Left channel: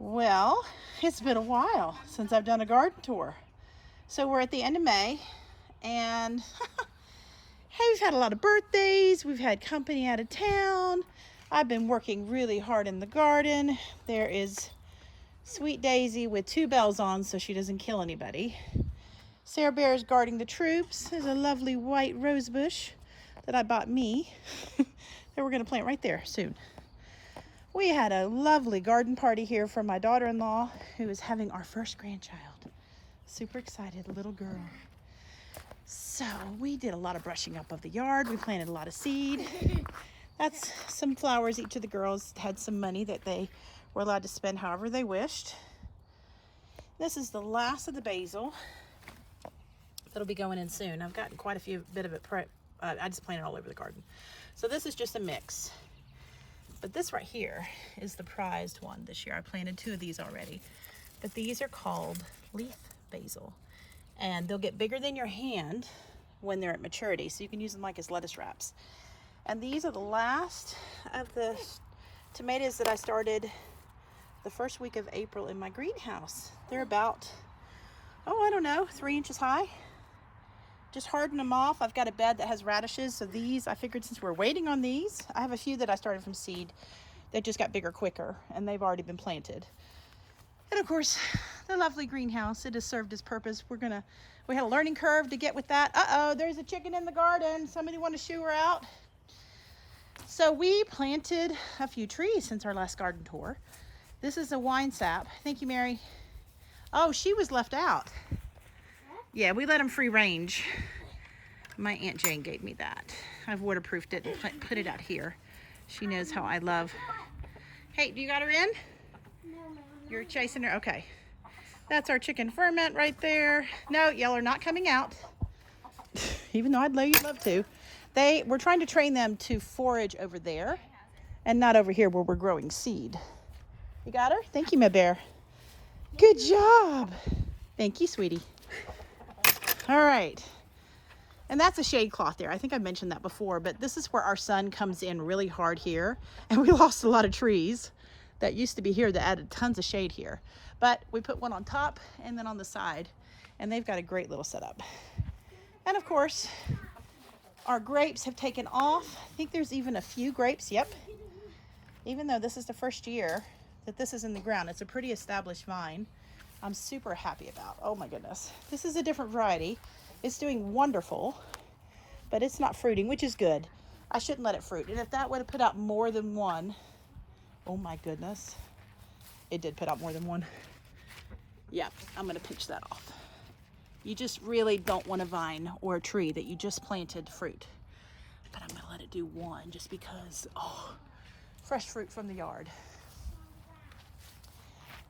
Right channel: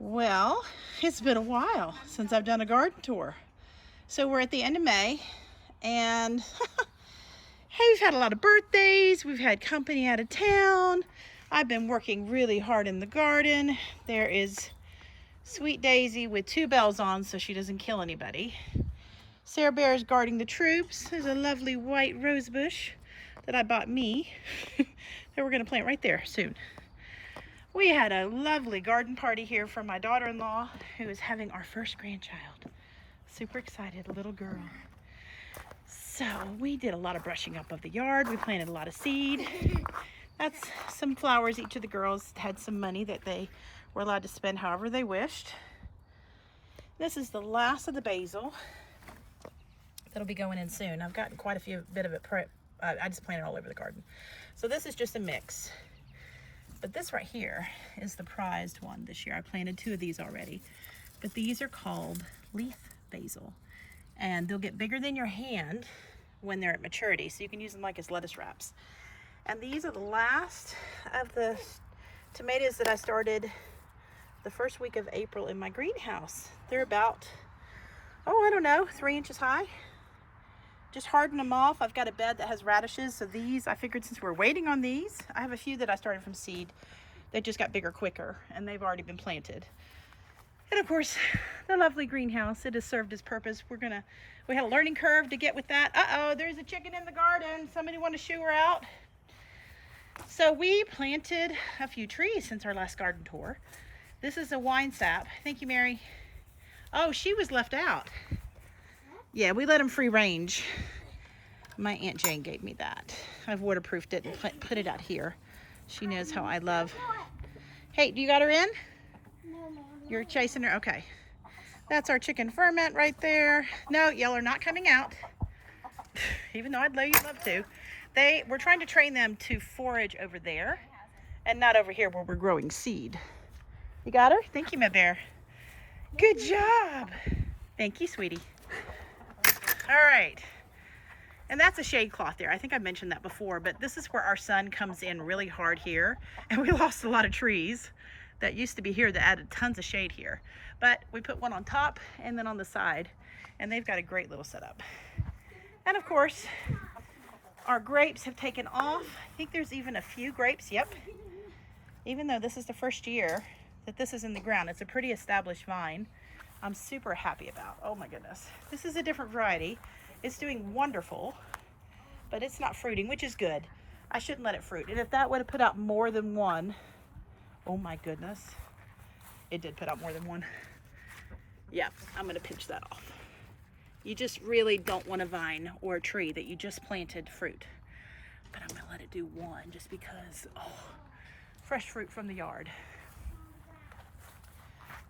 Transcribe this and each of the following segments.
Well, it's been a while since I've done a garden tour. So we're at the end of May and hey, we've had a lot of birthdays. We've had company out of town. I've been working really hard in the garden. There is Sweet Daisy with 2 bells on so she doesn't kill anybody. Sarah Bear is guarding the troops. There's a lovely white rose bush that I bought me that we're going to plant right there soon. We had a lovely garden party here for my daughter-in-law who is having our first grandchild. Super excited, little girl. So we did a lot of brushing up of the yard. We planted a lot of seed. That's some flowers. Each of the girls had some money that they were allowed to spend however they wished. This is the last of the basil that'll be going in soon. I've gotten quite a bit of it I just planted all over the garden. So this is just a mix. But this right here is the prized one this year. I planted 2 of these already. But these are called leaf basil. And they'll get bigger than your hand when they're at maturity. So you can use them like as lettuce wraps. And these are the last of the tomatoes that I started the first week of April in my greenhouse. They're about, I don't know, 3 inches high. Just harden them off. I've got a bed that has radishes, so these, I figured since we're waiting on these, I have a few that I started from seed. They just got bigger quicker, and they've already been planted. And of course, the lovely greenhouse, it has served its purpose. We had a learning curve to get with that. Uh-oh, there's a chicken in the garden. Somebody want to shoo her out? So we planted a few trees since our last garden tour. This is a wine sap. Thank you, Mary. Oh, she was left out. Yeah, we let them free range. My Aunt Jane gave me that. I've waterproofed it and put it out here. She knows how I love. Hey, you got her in? No, Mom. You're chasing her? Okay. That's our chicken ferment right there. No, y'all are not coming out. Even though I'd love to. We're trying to train them to forage over there and not over here where we're growing seed. You got her? Thank you, my bear. Good job. Thank you, sweetie. All right, and that's a shade cloth there. I think I mentioned that before, but this is where our sun comes in really hard here, and we lost a lot of trees that used to be here that added tons of shade here. But we put one on top and then on the side, and they've got a great little setup. And of course, our grapes have taken off. I think there's even a few grapes, yep. Even though this is the first year that this is in the ground, it's a pretty established vine. I'm super happy about. Oh my goodness. This is a different variety. It's doing wonderful, but it's not fruiting, which is good. I shouldn't let it fruit. And if that would have put out more than one, oh my goodness. It did put out more than one. Yeah, I'm gonna pinch that off. You just really don't want a vine or a tree that you just planted fruit. But I'm gonna let it do one just because, fresh fruit from the yard.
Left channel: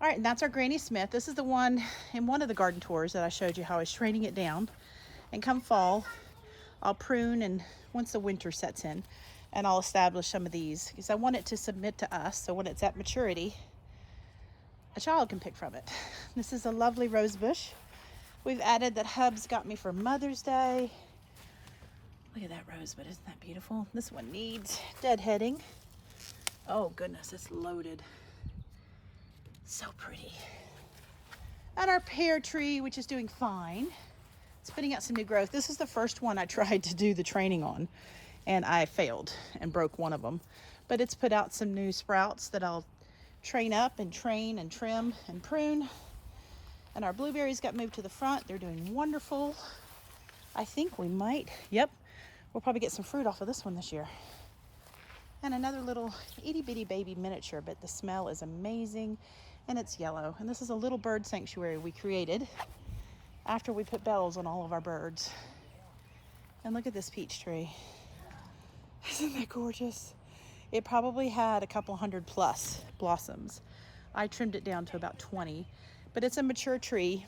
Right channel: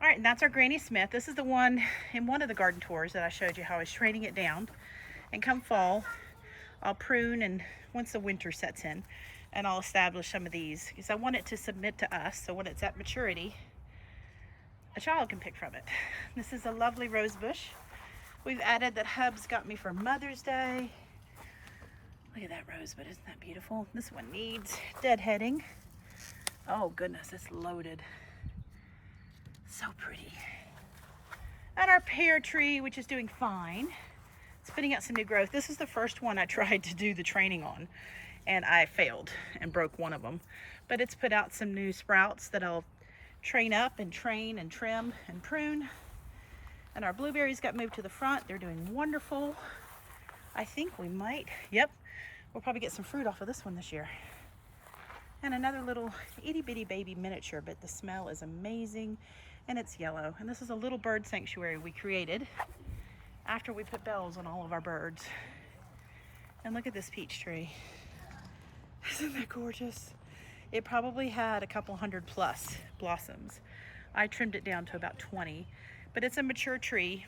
All right, and that's our Granny Smith. This is the one in one of the garden tours that I showed you how I was training it down. And come fall, I'll prune, and once the winter sets in, and I'll establish some of these because I want it to submit to us. So when it's at maturity, a child can pick from it. This is a lovely rose bush. We've added that Hubs got me for Mother's Day. Look at that rosebud, isn't that beautiful? This one needs deadheading. Oh goodness, it's loaded. So pretty. And our pear tree, which is doing fine. It's putting out some new growth. This is the first one I tried to do the training on, and I failed and broke one of them. But it's put out some new sprouts that I'll train up and train and trim and prune. And our blueberries got moved to the front. They're doing wonderful. I think we might, yep, we'll probably get some fruit off of this one this year. And another little itty bitty baby miniature, but the smell is amazing. And it's yellow. And this is a little bird sanctuary we created after we put bells on all of our birds. And look at this peach tree. Isn't that gorgeous? It probably had a couple 100 plus blossoms. I trimmed it down to about 20, but it's a mature tree.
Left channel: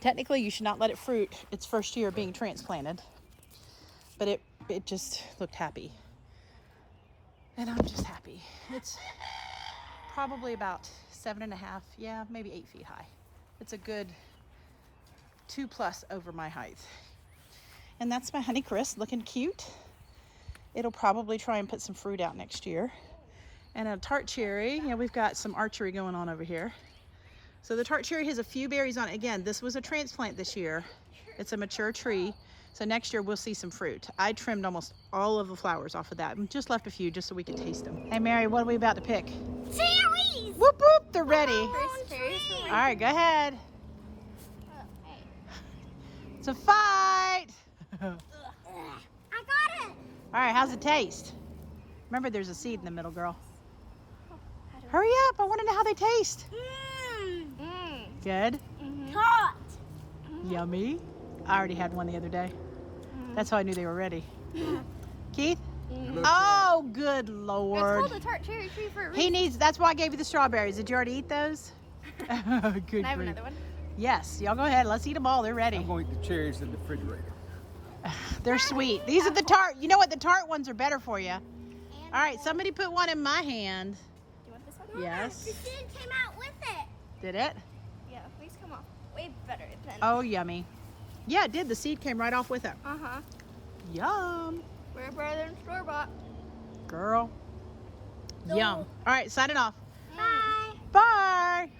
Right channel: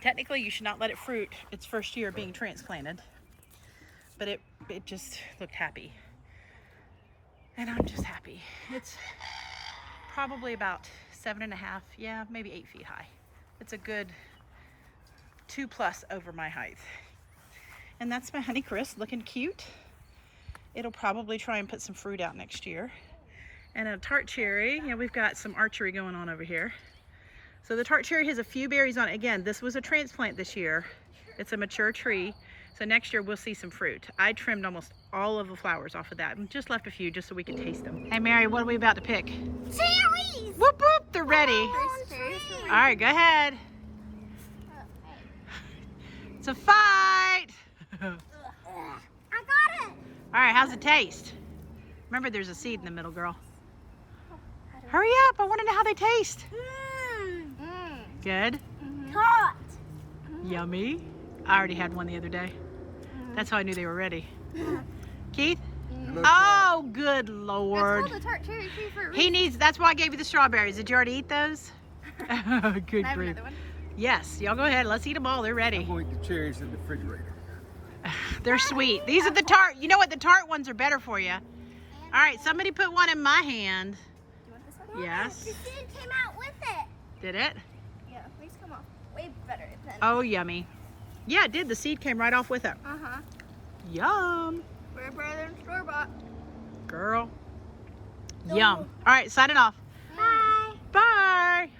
Technically, you should not let it fruit its first year being transplanted, but it just looked happy. And I'm just happy. It's probably about 7.5, yeah, maybe 8 feet high. It's a good 2+ over my height. And that's my Honeycrisp looking cute. It'll probably try and put some fruit out next year. And a tart cherry. Yeah, we've got some archery going on over here. So the tart cherry has a few berries on it. Again, this was a transplant this year. It's a mature tree. So next year we'll see some fruit. I trimmed almost all of the flowers off of that and just left a few just so we could taste them. Hey Mary, what are we about to pick? Cherries! Whoop whoop, they're ready. All right, go ahead. It's a fight. I got it! All right, how's it taste? Remember, there's a seed in the middle, girl. Hurry up, I want to know how they taste. Good? Hot! Yummy. I already had one the other day. That's how I knew they were ready. Keith? Oh, good Lord. It's called a tart cherry tree for a reason. He needs, that's why I gave you the strawberries. Did you already eat those? Good Can I have grief. another one? Yes, y'all go ahead. Let's eat them all. They're I'm ready. going to eat the cherries in the refrigerator. They're sweet. These are the tart. You know what? The tart ones are better for you. All right, somebody put one in my hand. Do you want this one? Yes. The seed came out with it. Did it? Yeah, these come off way better than. Oh, yummy. Yeah, it did. The seed came right off with it. Uh-huh. Yum. We're better than store-bought. Girl. Yum. All right, sign it off. Bye. Bye.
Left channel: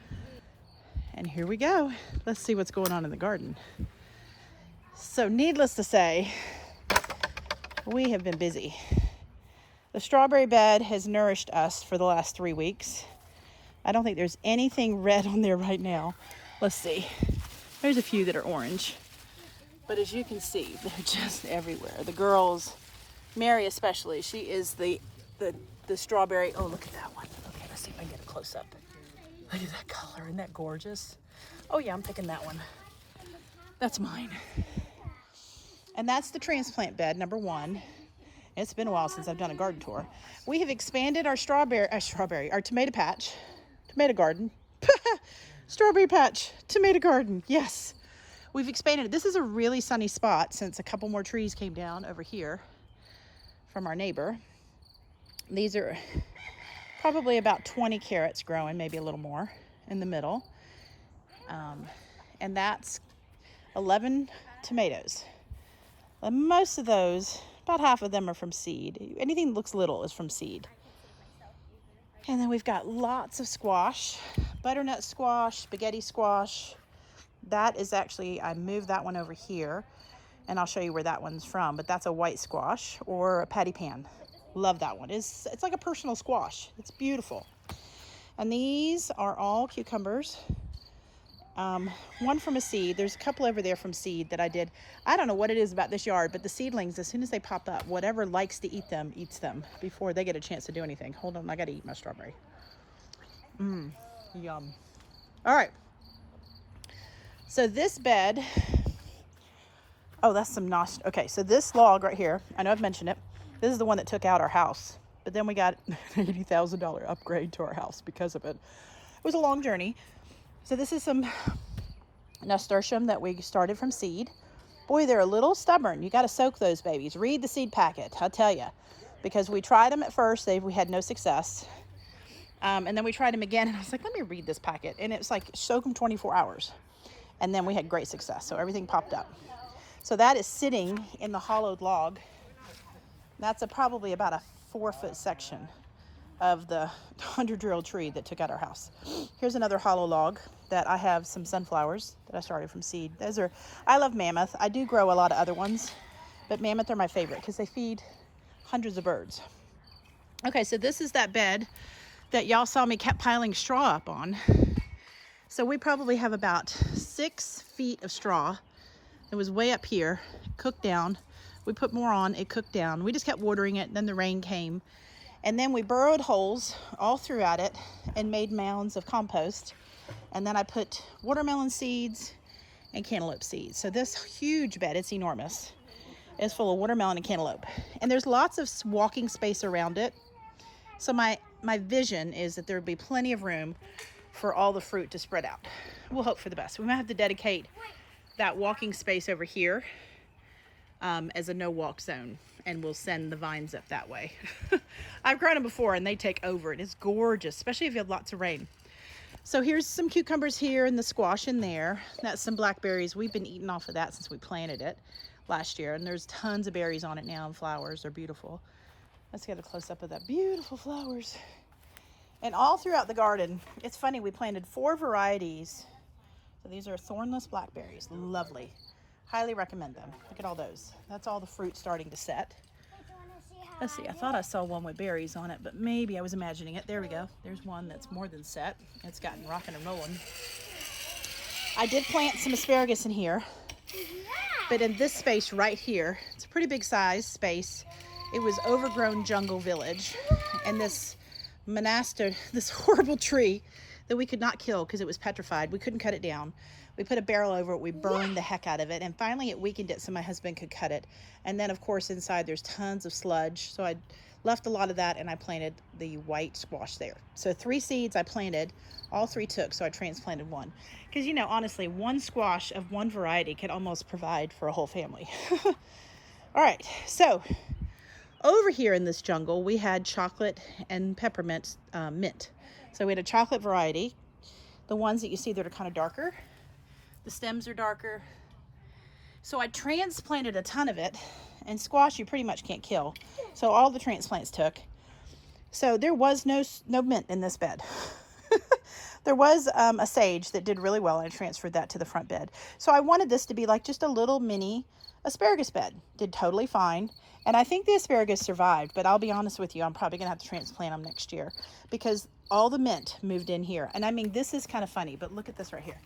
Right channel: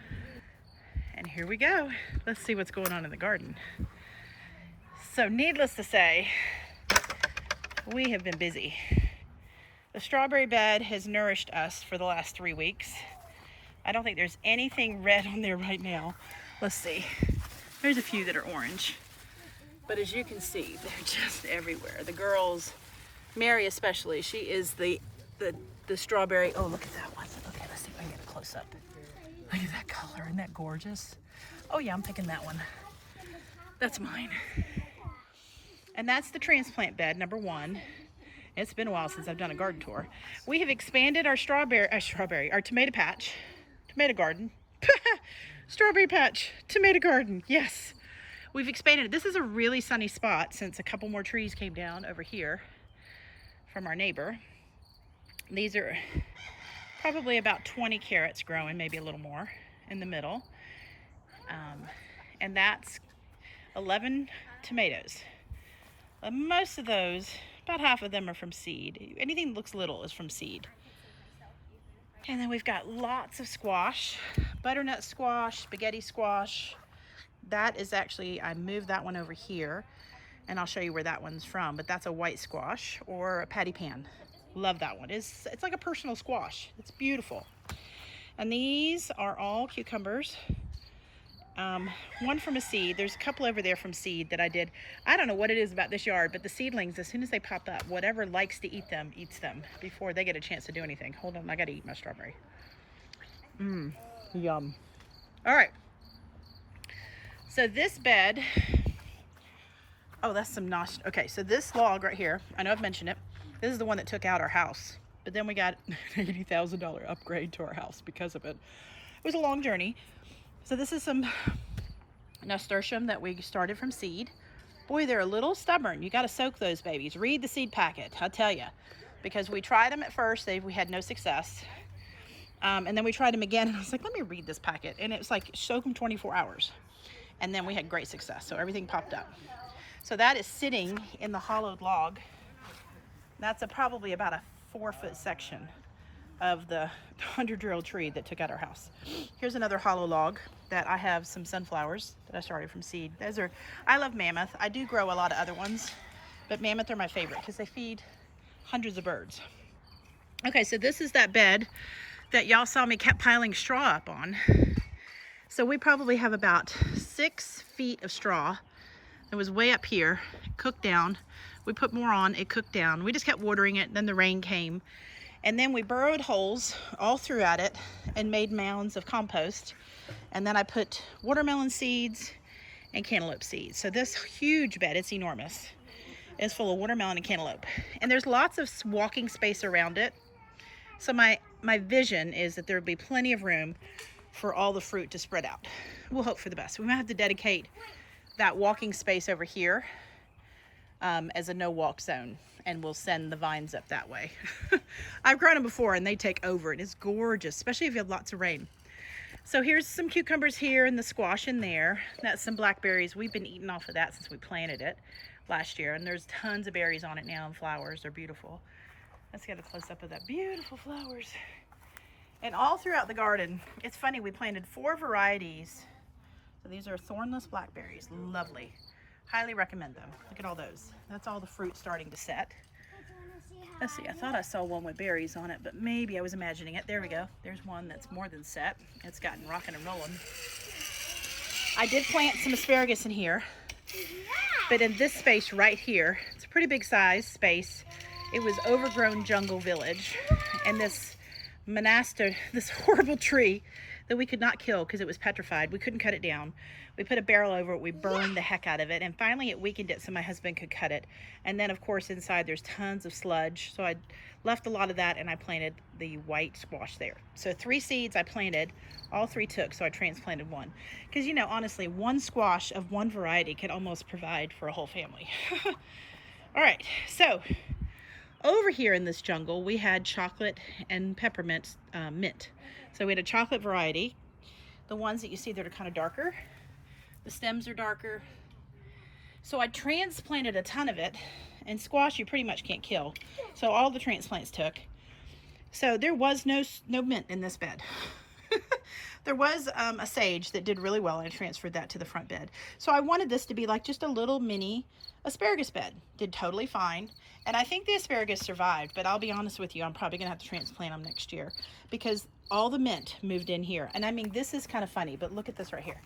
And here we go. Let's see what's going on in the garden. So needless to say, we have been busy. The strawberry bed has nourished us for the last 3 weeks. I don't think there's anything red on there right now. Let's see. There's a few that are orange. But as you can see, they're just everywhere. The girls, Mary especially, she is the strawberry. Oh, look at that one. Okay, let's see if I can get a close up. Look at that color. Isn't that gorgeous? Oh yeah, I'm picking that one. That's mine. And that's the transplant bed, number 1. It's been a while since I've done a garden tour. We have expanded our our tomato patch, tomato garden. Strawberry patch, tomato garden, yes. We've expanded it. This is a really sunny spot since a couple more trees came down over here from our neighbor. These are probably about 20 carrots growing, maybe a little more in the middle. And that's 11 tomatoes. Most of those, about half of them are from seed. Anything that looks little is from seed. And then we've got lots of squash, butternut squash, spaghetti squash. That is actually, I moved that one over here and I'll show you where that one's from, but that's a white squash or a patty pan. Love that one. It's like a personal squash. It's beautiful. And these are all cucumbers. One from a seed. There's a couple over there from seed that I did. I don't know what it is about this yard, but the seedlings, as soon as they pop up, whatever likes to eat them, eats them before they get a chance to do anything. Hold on, I gotta eat my strawberry. Yum. All right. So this bed, oh, that's some Nasturtium. Okay, so this log right here, I know I've mentioned it. This is the one that took out our house, but then we got an $80,000 upgrade to our house because of it. It was a long journey. So this is some Nasturtium that we started from seed. Boy, they're a little stubborn. You got to soak those babies. Read the seed packet, I'll tell you. Because we tried them at first, we had no success. And then we tried them again, and I was like, let me read this packet. And it was like, soak them 24 hours. And then we had great success, so everything popped up. So that is sitting in the hollowed log. That's probably about a 4-foot section of the 100-year-old tree that took out our house. Here's another hollow log that I have some sunflowers that I started from seed. Those are, I love mammoth. I do grow a lot of other ones, but mammoth are my favorite because they feed hundreds of birds. Okay, so this is that bed that y'all saw me kept piling straw up on. So we probably have about 6 feet of straw. It was way up here, cooked down. We put more on, it cooked down. We just kept watering it, then the rain came. And then we burrowed holes all throughout it and made mounds of compost. And then I put watermelon seeds and cantaloupe seeds. So this huge bed, it's enormous, is full of watermelon and cantaloupe. And there's lots of walking space around it. So my vision is that there will be plenty of room for all the fruit to spread out. We'll hope for the best. We might have to dedicate that walking space over here as a no-walk zone, and we'll send the vines up that way. I've grown them before and they take over. It is gorgeous, especially if you have lots of rain. So here's some cucumbers here and the squash in there. That's some blackberries. We've been eating off of that since we planted it last year, and there's tons of berries on it now and flowers. They're beautiful. Let's get a close-up of that beautiful flowers. And all throughout the garden, it's funny, we planted 4 varieties. So these are Thornless Blackberries. Lovely. Highly recommend them. Look at all those. That's all the fruit starting to set. Let's see, I thought I saw one with berries on it, but maybe I was imagining it. There we go. There's one that's more than set. It's gotten rocking and rolling. I did plant some asparagus in here, but in this space right here, it's a pretty big size space. It was overgrown jungle village, and this meander, this horrible tree that we could not kill because it was petrified. We couldn't cut it down. We put a barrel over it, we burned the heck out of it, and finally it weakened it so my husband could cut it. And then of course inside there's tons of sludge, so I left a lot of that and I planted the white squash there. So 3 seeds I planted, all 3 took, so I transplanted 1. Because you know, honestly, 1 squash of 1 variety could almost provide for a whole family. All right, so over here in this jungle we had chocolate and peppermint mint. So we had a chocolate variety, the ones that you see that are kind of darker. The stems are darker. So I transplanted a ton of it, and squash you pretty much can't kill. So all the transplants took. So there was no mint in this bed. There was a sage that did really well, and I transferred that to the front bed. So I wanted this to be like just a little mini asparagus bed. Did totally fine. And I think the asparagus survived, but I'll be honest with you, I'm probably gonna have to transplant them next year because all the mint moved in here. And I mean, this is kind of funny, but look at this right here.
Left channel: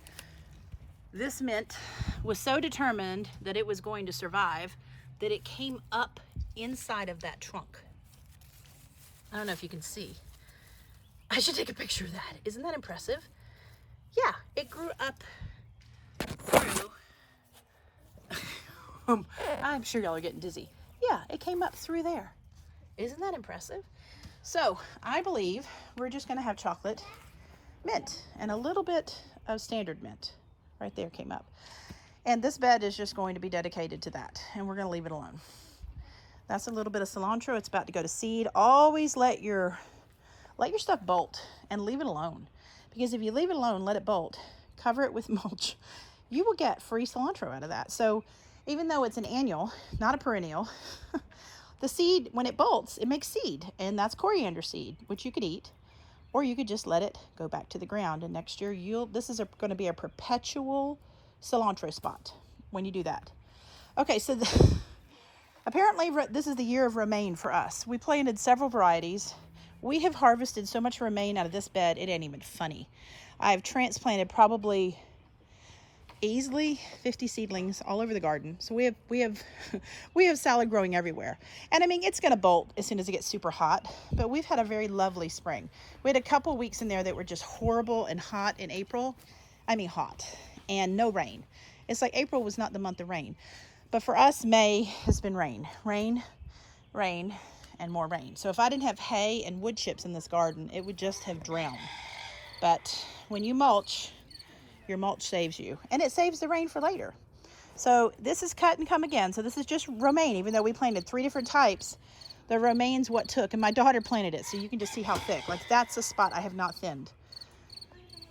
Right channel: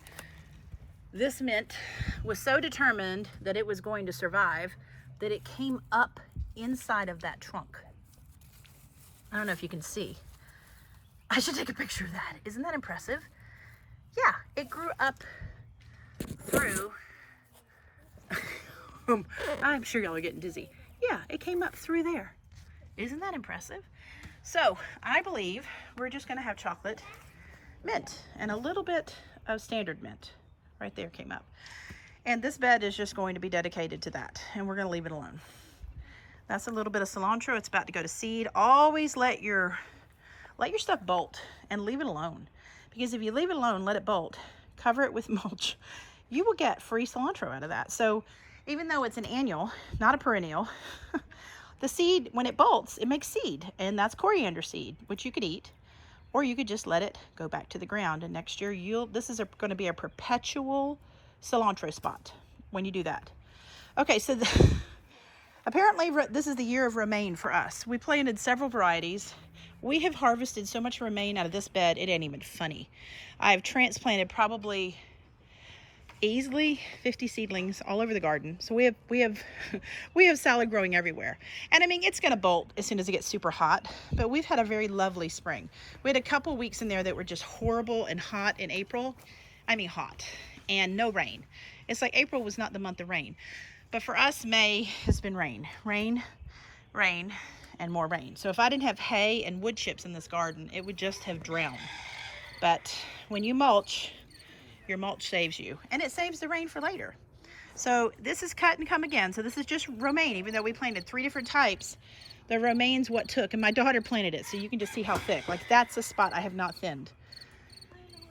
This mint was so determined that it was going to survive that it came up inside of that trunk. I don't know if you can see. I should take a picture of that. Isn't that impressive? Yeah, it grew up through. I'm sure y'all are getting dizzy. Yeah, it came up through there. Isn't that impressive? So I believe we're just gonna have chocolate mint and a little bit of standard mint. Right there came up. And this bed is just going to be dedicated to that, and we're going to leave it alone. That's a little bit of cilantro. It's about to go to seed. Always let your stuff bolt and leave it alone, because if you leave it alone, let it bolt, cover it with mulch, you will get free cilantro out of that. So even though it's an annual, not a perennial, the seed, when it bolts, it makes seed, and that's coriander seed, which you could eat. Or you could just let it go back to the ground, and next year this is going to be a perpetual cilantro spot when you do that. Okay, so apparently this is the year of romaine for us. We planted several varieties. We have harvested so much romaine out of this bed, it ain't even funny. I've transplanted probably easily 50 seedlings all over the garden. So we have salad growing everywhere. And I mean, it's going to bolt as soon as it gets super hot, but we've had a very lovely spring. We had a couple weeks in there that were just horrible and hot in April. I mean, hot and no rain. It's like April was not the month of rain, but for us, May has been rain, rain, rain, and more rain. So if I didn't have hay and wood chips in this garden, it would just have drowned. But when you mulch, your mulch saves you, and it saves the rain for later. So this is cut and come again. So this is just romaine, even though we planted 3 different types. The romaine's what took, and my daughter planted it, so you can just see how thick. Like, that's a spot I have not thinned.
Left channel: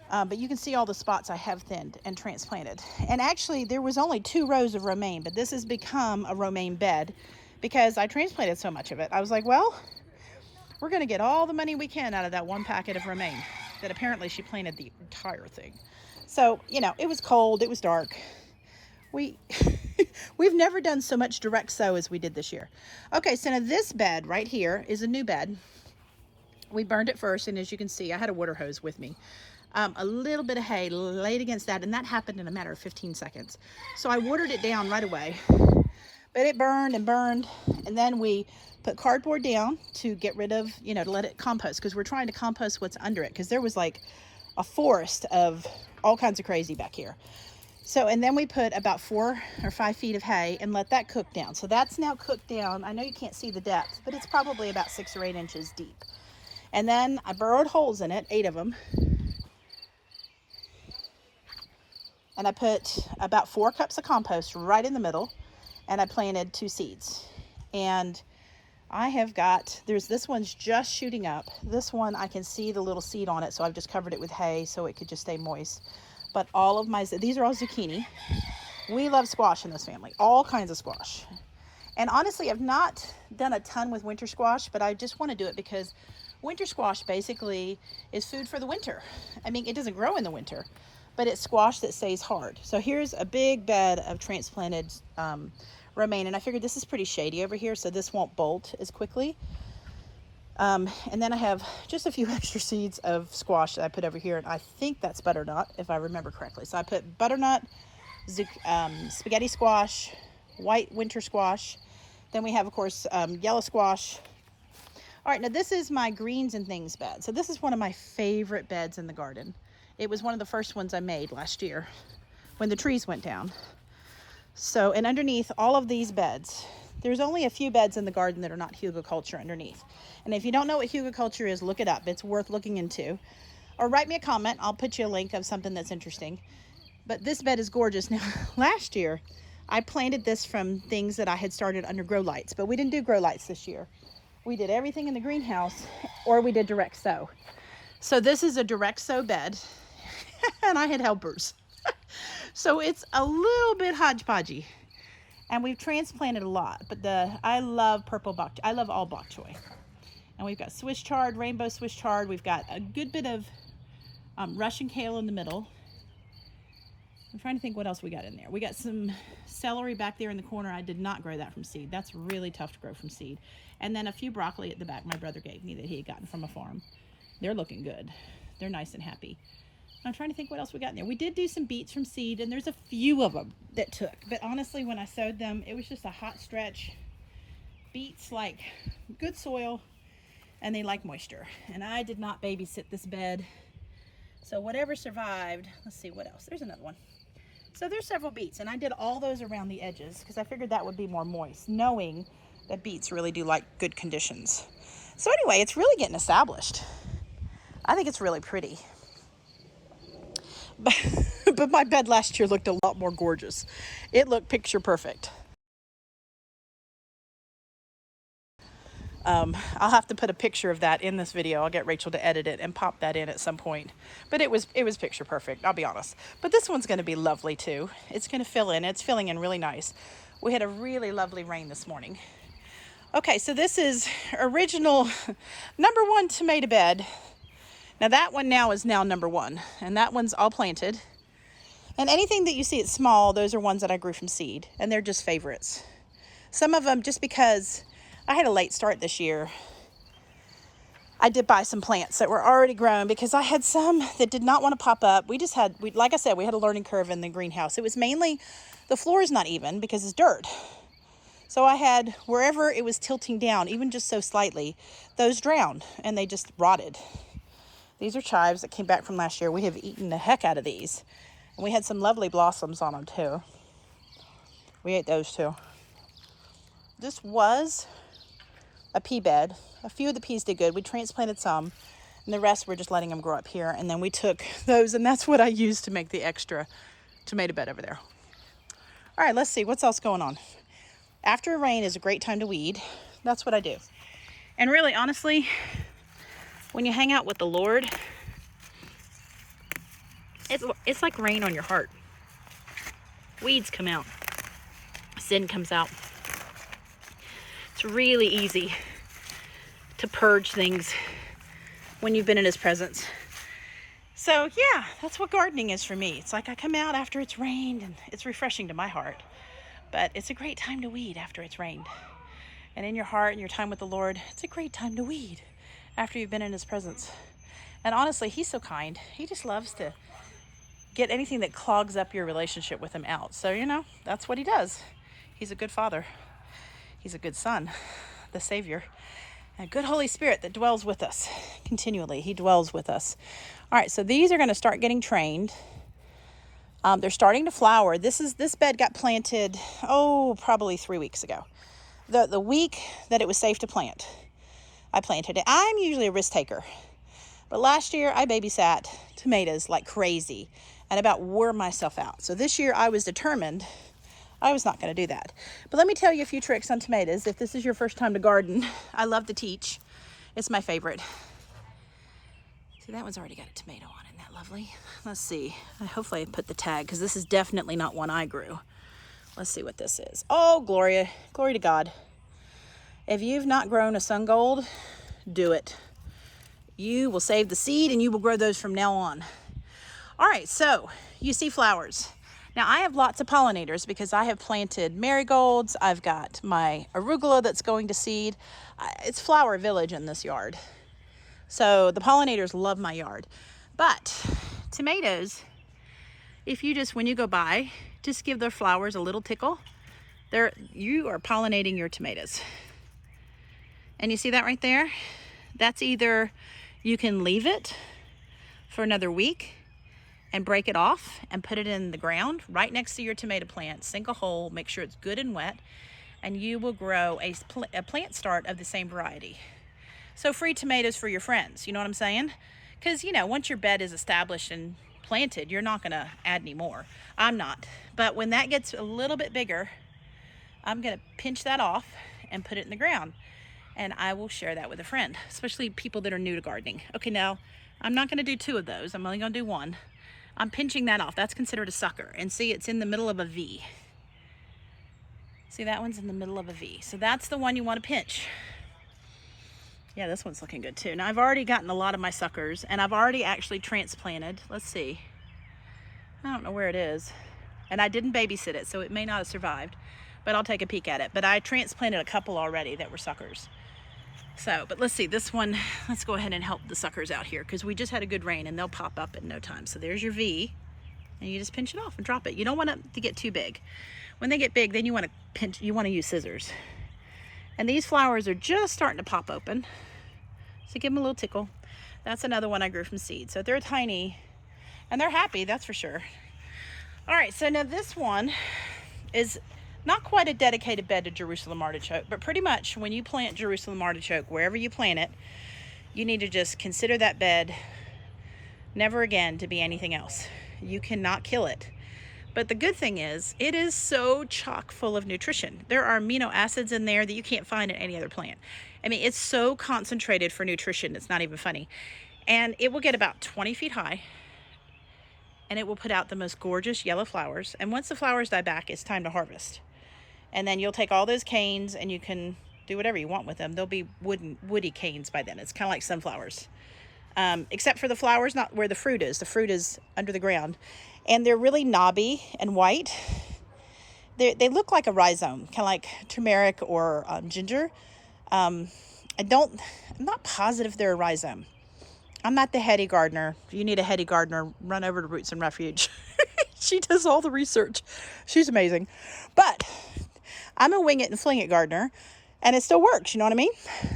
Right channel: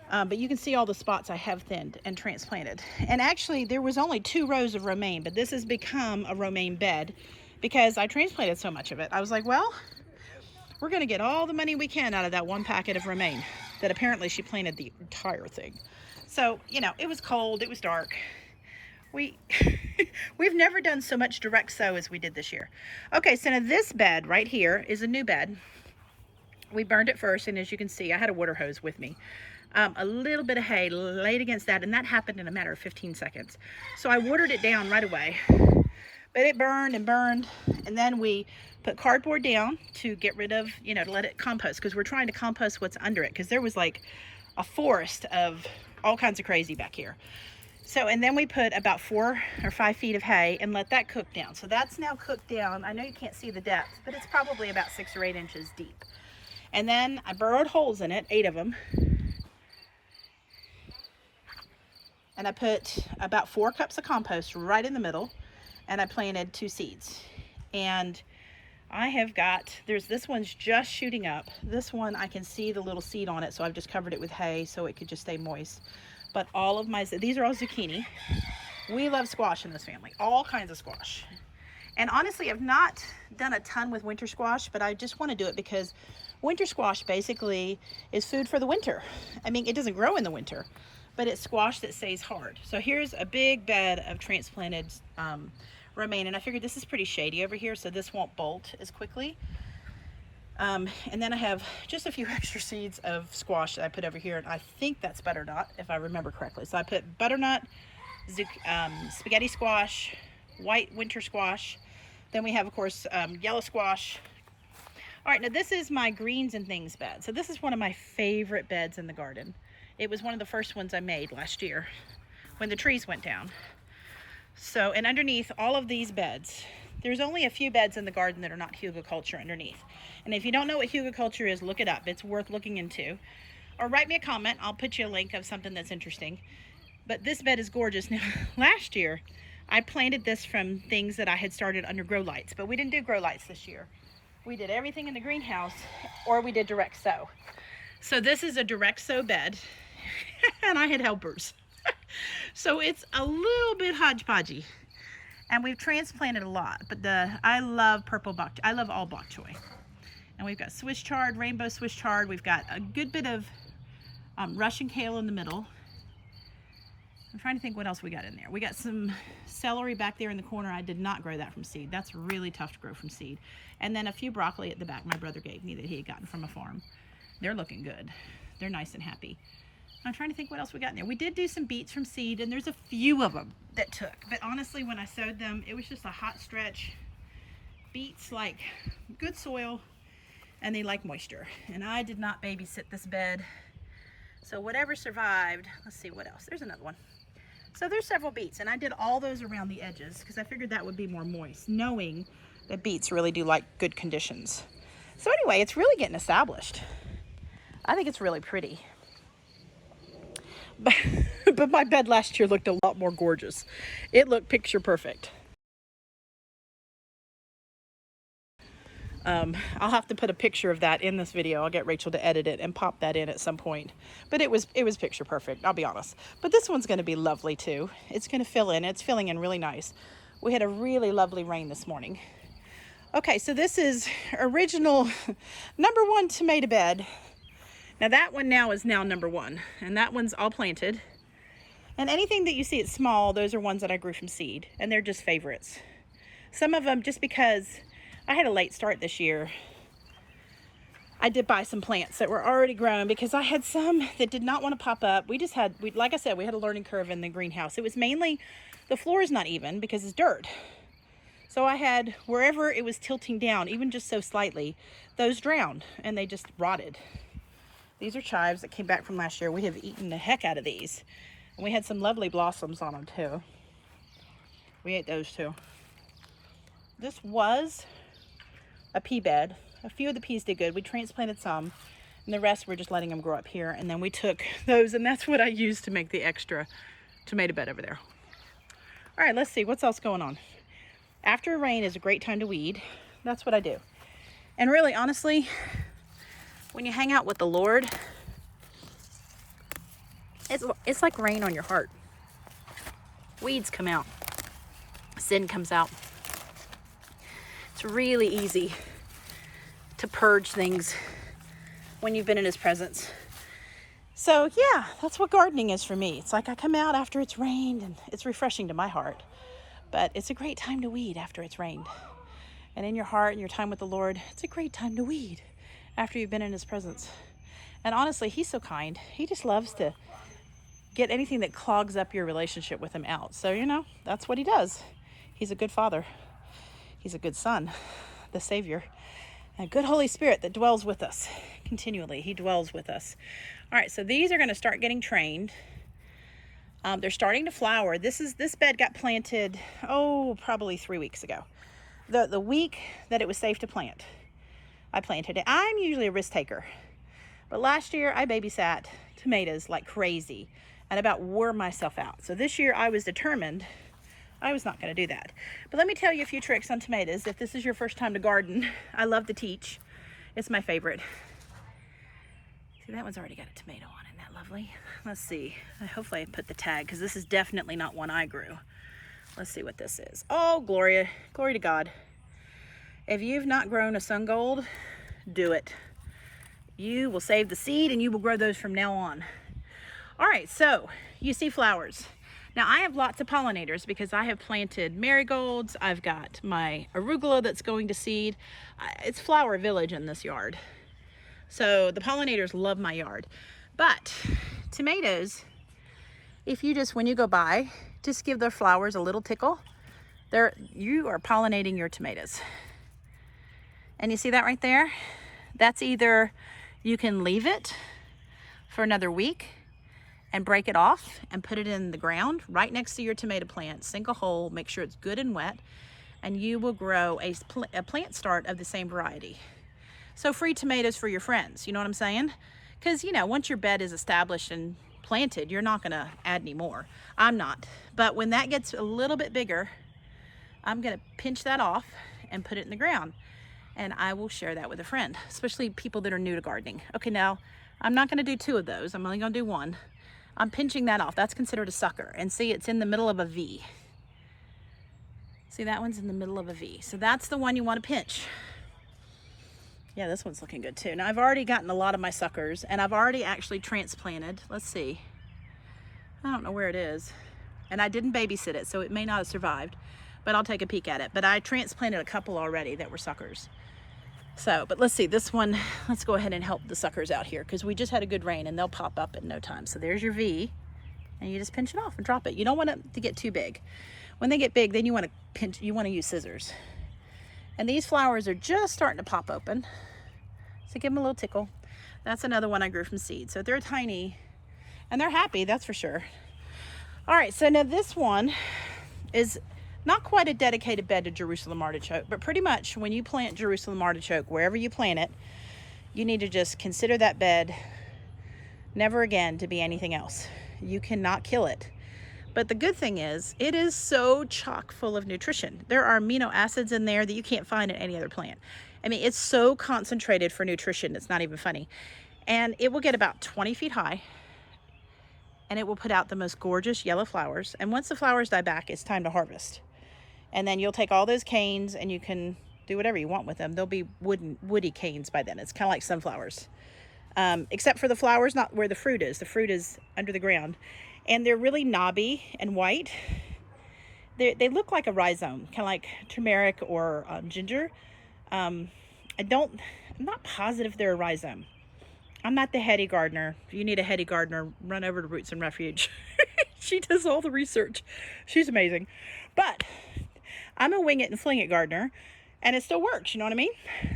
But you can see all the spots I have thinned and transplanted. And actually, there was only 2 rows of romaine, but this has become a romaine bed because I transplanted so much of it. I was like, well, we're gonna get all the money we can out of that 1 packet of romaine that apparently she planted the entire thing. So, you know, it was cold, it was dark. We've never done so much direct sow as we did this year. Okay, so now this bed right here is a new bed. We burned it first, and as you can see, I had a water hose with me. A little bit of hay laid against that, and that happened in a matter of 15 seconds. So I watered it down right away, but it burned and burned, and then we put cardboard down to get rid of, you know, to let it compost, because we're trying to compost what's under it, because there was like a forest of all kinds of crazy back here. So, and then we put about 4 or 5 feet of hay and let that cook down. So that's now cooked down. I know you can't see the depth, but it's probably about 6 or 8 inches deep. And then I burrowed holes in it, 8 of them. And I put about 4 cups of compost right in the middle, and I planted 2 seeds. And I have got, this one's just shooting up. This one, I can see the little seed on it, so I've just covered it with hay so it could just stay moist. But all of these are all zucchini. We love squash in this family, all kinds of squash. And honestly, I've not done a ton with winter squash, but I just want to do it because Winter squash basically is food for the winter. I mean, it doesn't grow in the winter, but it's squash that stays hard. So here's a big bed of transplanted romaine, and I figured this is pretty shady over here, so this won't bolt as quickly. And then I have just a few extra seeds of squash that I put over here, and I think that's butternut, if I remember correctly. So I put butternut, spaghetti squash, white winter squash. Then we have, of course, yellow squash. All right, now this is my greens and things bed. So this is one of my favorite beds in the garden. It was one of the first ones I made last year when the trees went down. So, and underneath all of these beds, there's only a few beds in the garden that are not hugelkultur underneath. And if you don't know what hugelkultur is, look it up. It's worth looking into. Or write me a comment. I'll put you a link of something that's interesting. But this bed is gorgeous. Now, last year, I planted this from things that I had started under grow lights, but we didn't do grow lights this year. We did everything in the greenhouse, or we did direct sow. So this is a direct sow bed, and I had helpers. So it's a little bit hodgepodgey, and we've transplanted a lot, but I love purple bok choy. I love all bok choy. And we've got Swiss chard, rainbow Swiss chard. We've got a good bit of Russian kale in the middle. I'm trying to think what else we got in there. We got some celery back there in the corner. I did not grow that from seed. That's really tough to grow from seed. And then a few broccoli at the back my brother gave me that he had gotten from a farm. They're looking good. They're nice and happy. I'm trying to think what else we got in there. We did do some beets from seed, and there's a few of them that took. But honestly, when I sowed them, it was just a hot stretch. Beets like good soil, and they like moisture. And I did not babysit this bed. So whatever survived, let's see what else. There's another one. So there's several beets, and I did all those around the edges because I figured that would be more moist, knowing that beets really do like good conditions. So anyway, it's really getting established. I think it's really pretty. But my bed last year looked a lot more gorgeous. It looked picture perfect. I'll have to put a picture of that in this video. I'll get Rachel to edit it and pop that in at some point. But it was picture perfect, I'll be honest. But this one's going to be lovely too. It's going to fill in. It's filling in really nice. We had a really lovely rain this morning. Okay, so this is original #1 tomato bed. Now that one now is now #1, and that one's all planted. And anything that you see it's small, those are ones that I grew from seed, and they're just favorites. Some of them just because I had a late start this year. I did buy some plants that were already grown because I had some that did not want to pop up. Like I said, we had a learning curve in the greenhouse. It was mainly, the floor is not even because it's dirt. So I had, wherever it was tilting down, even just so slightly, those drowned and they just rotted. These are chives that came back from last year. We have eaten the heck out of these. And we had some lovely blossoms on them too. We ate those too. This was a pea bed. A few of the peas did good. We transplanted some, and the rest we're just letting them grow up here. And then we took those, and that's what I used to make the extra tomato bed over there. All right, let's see what's else going on. After a rain is a great time to weed. That's what I do. And really, honestly, when you hang out with the Lord, it's like rain on your heart. Weeds come out. Sin comes out. It's really easy to purge things when you've been in his presence. So yeah, that's what gardening is for me. It's like I come out after it's rained, and it's refreshing to my heart. But it's a great time to weed after it's rained. And in your heart and your time with the Lord, it's a great time to weed after you've been in his presence. And honestly, he's so kind. He just loves to get anything that clogs up your relationship with him out. So, you know, that's what he does. He's a good father. He's a good son, the Savior, and a good Holy Spirit that dwells with us continually. He dwells with us. All right, so these are going to start getting trained. They're starting to flower. This bed got planted, probably 3 weeks ago. The week that it was safe to plant, I planted it. I'm usually a risk taker, but last year I babysat tomatoes like crazy and about wore myself out. So this year I was determined I was not going to do that. But let me tell you a few tricks on tomatoes. If this is your first time to garden, I love to teach. It's my favorite. See, that one's already got a tomato on it. Isn't that lovely? Let's see. Hopefully I put the tag, because this is definitely not one I grew. Let's see what this is. Oh, glory to God. If you've not grown a sun gold, do it. you will save the seed and you will grow those from now on. All right, so you see flowers. Now I have lots of pollinators because I have planted marigolds. I've got my arugula that's going to seed. It's flower village in this yard. So the pollinators love my yard. But tomatoes, if you just, when you go by, just give their flowers a little tickle, you are pollinating your tomatoes. And you see that right there? That's either you can leave it for another week and break it off and put it in the ground right next to your tomato plant, sink a hole, make sure it's good and wet, and you will grow a plant start of the same variety. So free tomatoes for your friends, you know what I'm saying? Because, you know, once your bed is established and planted, you're not gonna add any more. I'm not. But when that gets a little bit bigger, I'm gonna pinch that off and put it in the ground. And I will share that with a friend, especially people that are new to gardening. Okay, now, I'm not gonna do 2 of those. I'm only gonna do 1. I'm pinching that off. That's considered a sucker. And see, it's in the middle of a V. See, that one's in the middle of a V. So that's the one you want to pinch. Yeah, this one's looking good too. Now, I've already gotten a lot of my suckers, and I've already actually transplanted. Let's see. I don't know where it is. And I didn't babysit it, so it may not have survived, but I'll take a peek at it. But I transplanted a couple already that were suckers. So, but let's see, this one, let's go ahead and help the suckers out here because we just had a good rain and they'll pop up in no time. So there's your V, and you just pinch it off and drop it. You don't want it to get too big. When they get big, then you want to pinch, you want to use scissors. And these flowers are just starting to pop open. So give them a little tickle. That's another one I grew from seed. So they're tiny and they're happy, that's for sure. All right, so now this one is not quite a dedicated bed to Jerusalem artichoke, but pretty much when you plant Jerusalem artichoke, wherever you plant it, you need to just consider that bed never again to be anything else. You cannot kill it. But the good thing is, it is so chock full of nutrition. There are amino acids in there that you can't find in any other plant. I mean, it's so concentrated for nutrition, it's not even funny. And it will get about 20 feet high, and it will put out the most gorgeous yellow flowers. And once the flowers die back, it's time to harvest. And then you'll take all those canes and you can do whatever you want with them. They'll be woody canes by then. It's kind of like sunflowers. Except for the flowers, not where the fruit is. The fruit is under the ground. And they're really knobby and white. They look like a rhizome, kind of like turmeric or ginger. I'm not positive they're a rhizome. I'm not the heady gardener. If you need a heady gardener, run over to Roots and Refuge. She does all the research. She's amazing. But I'm a wing it and fling it gardener, and it still works, you know what I mean?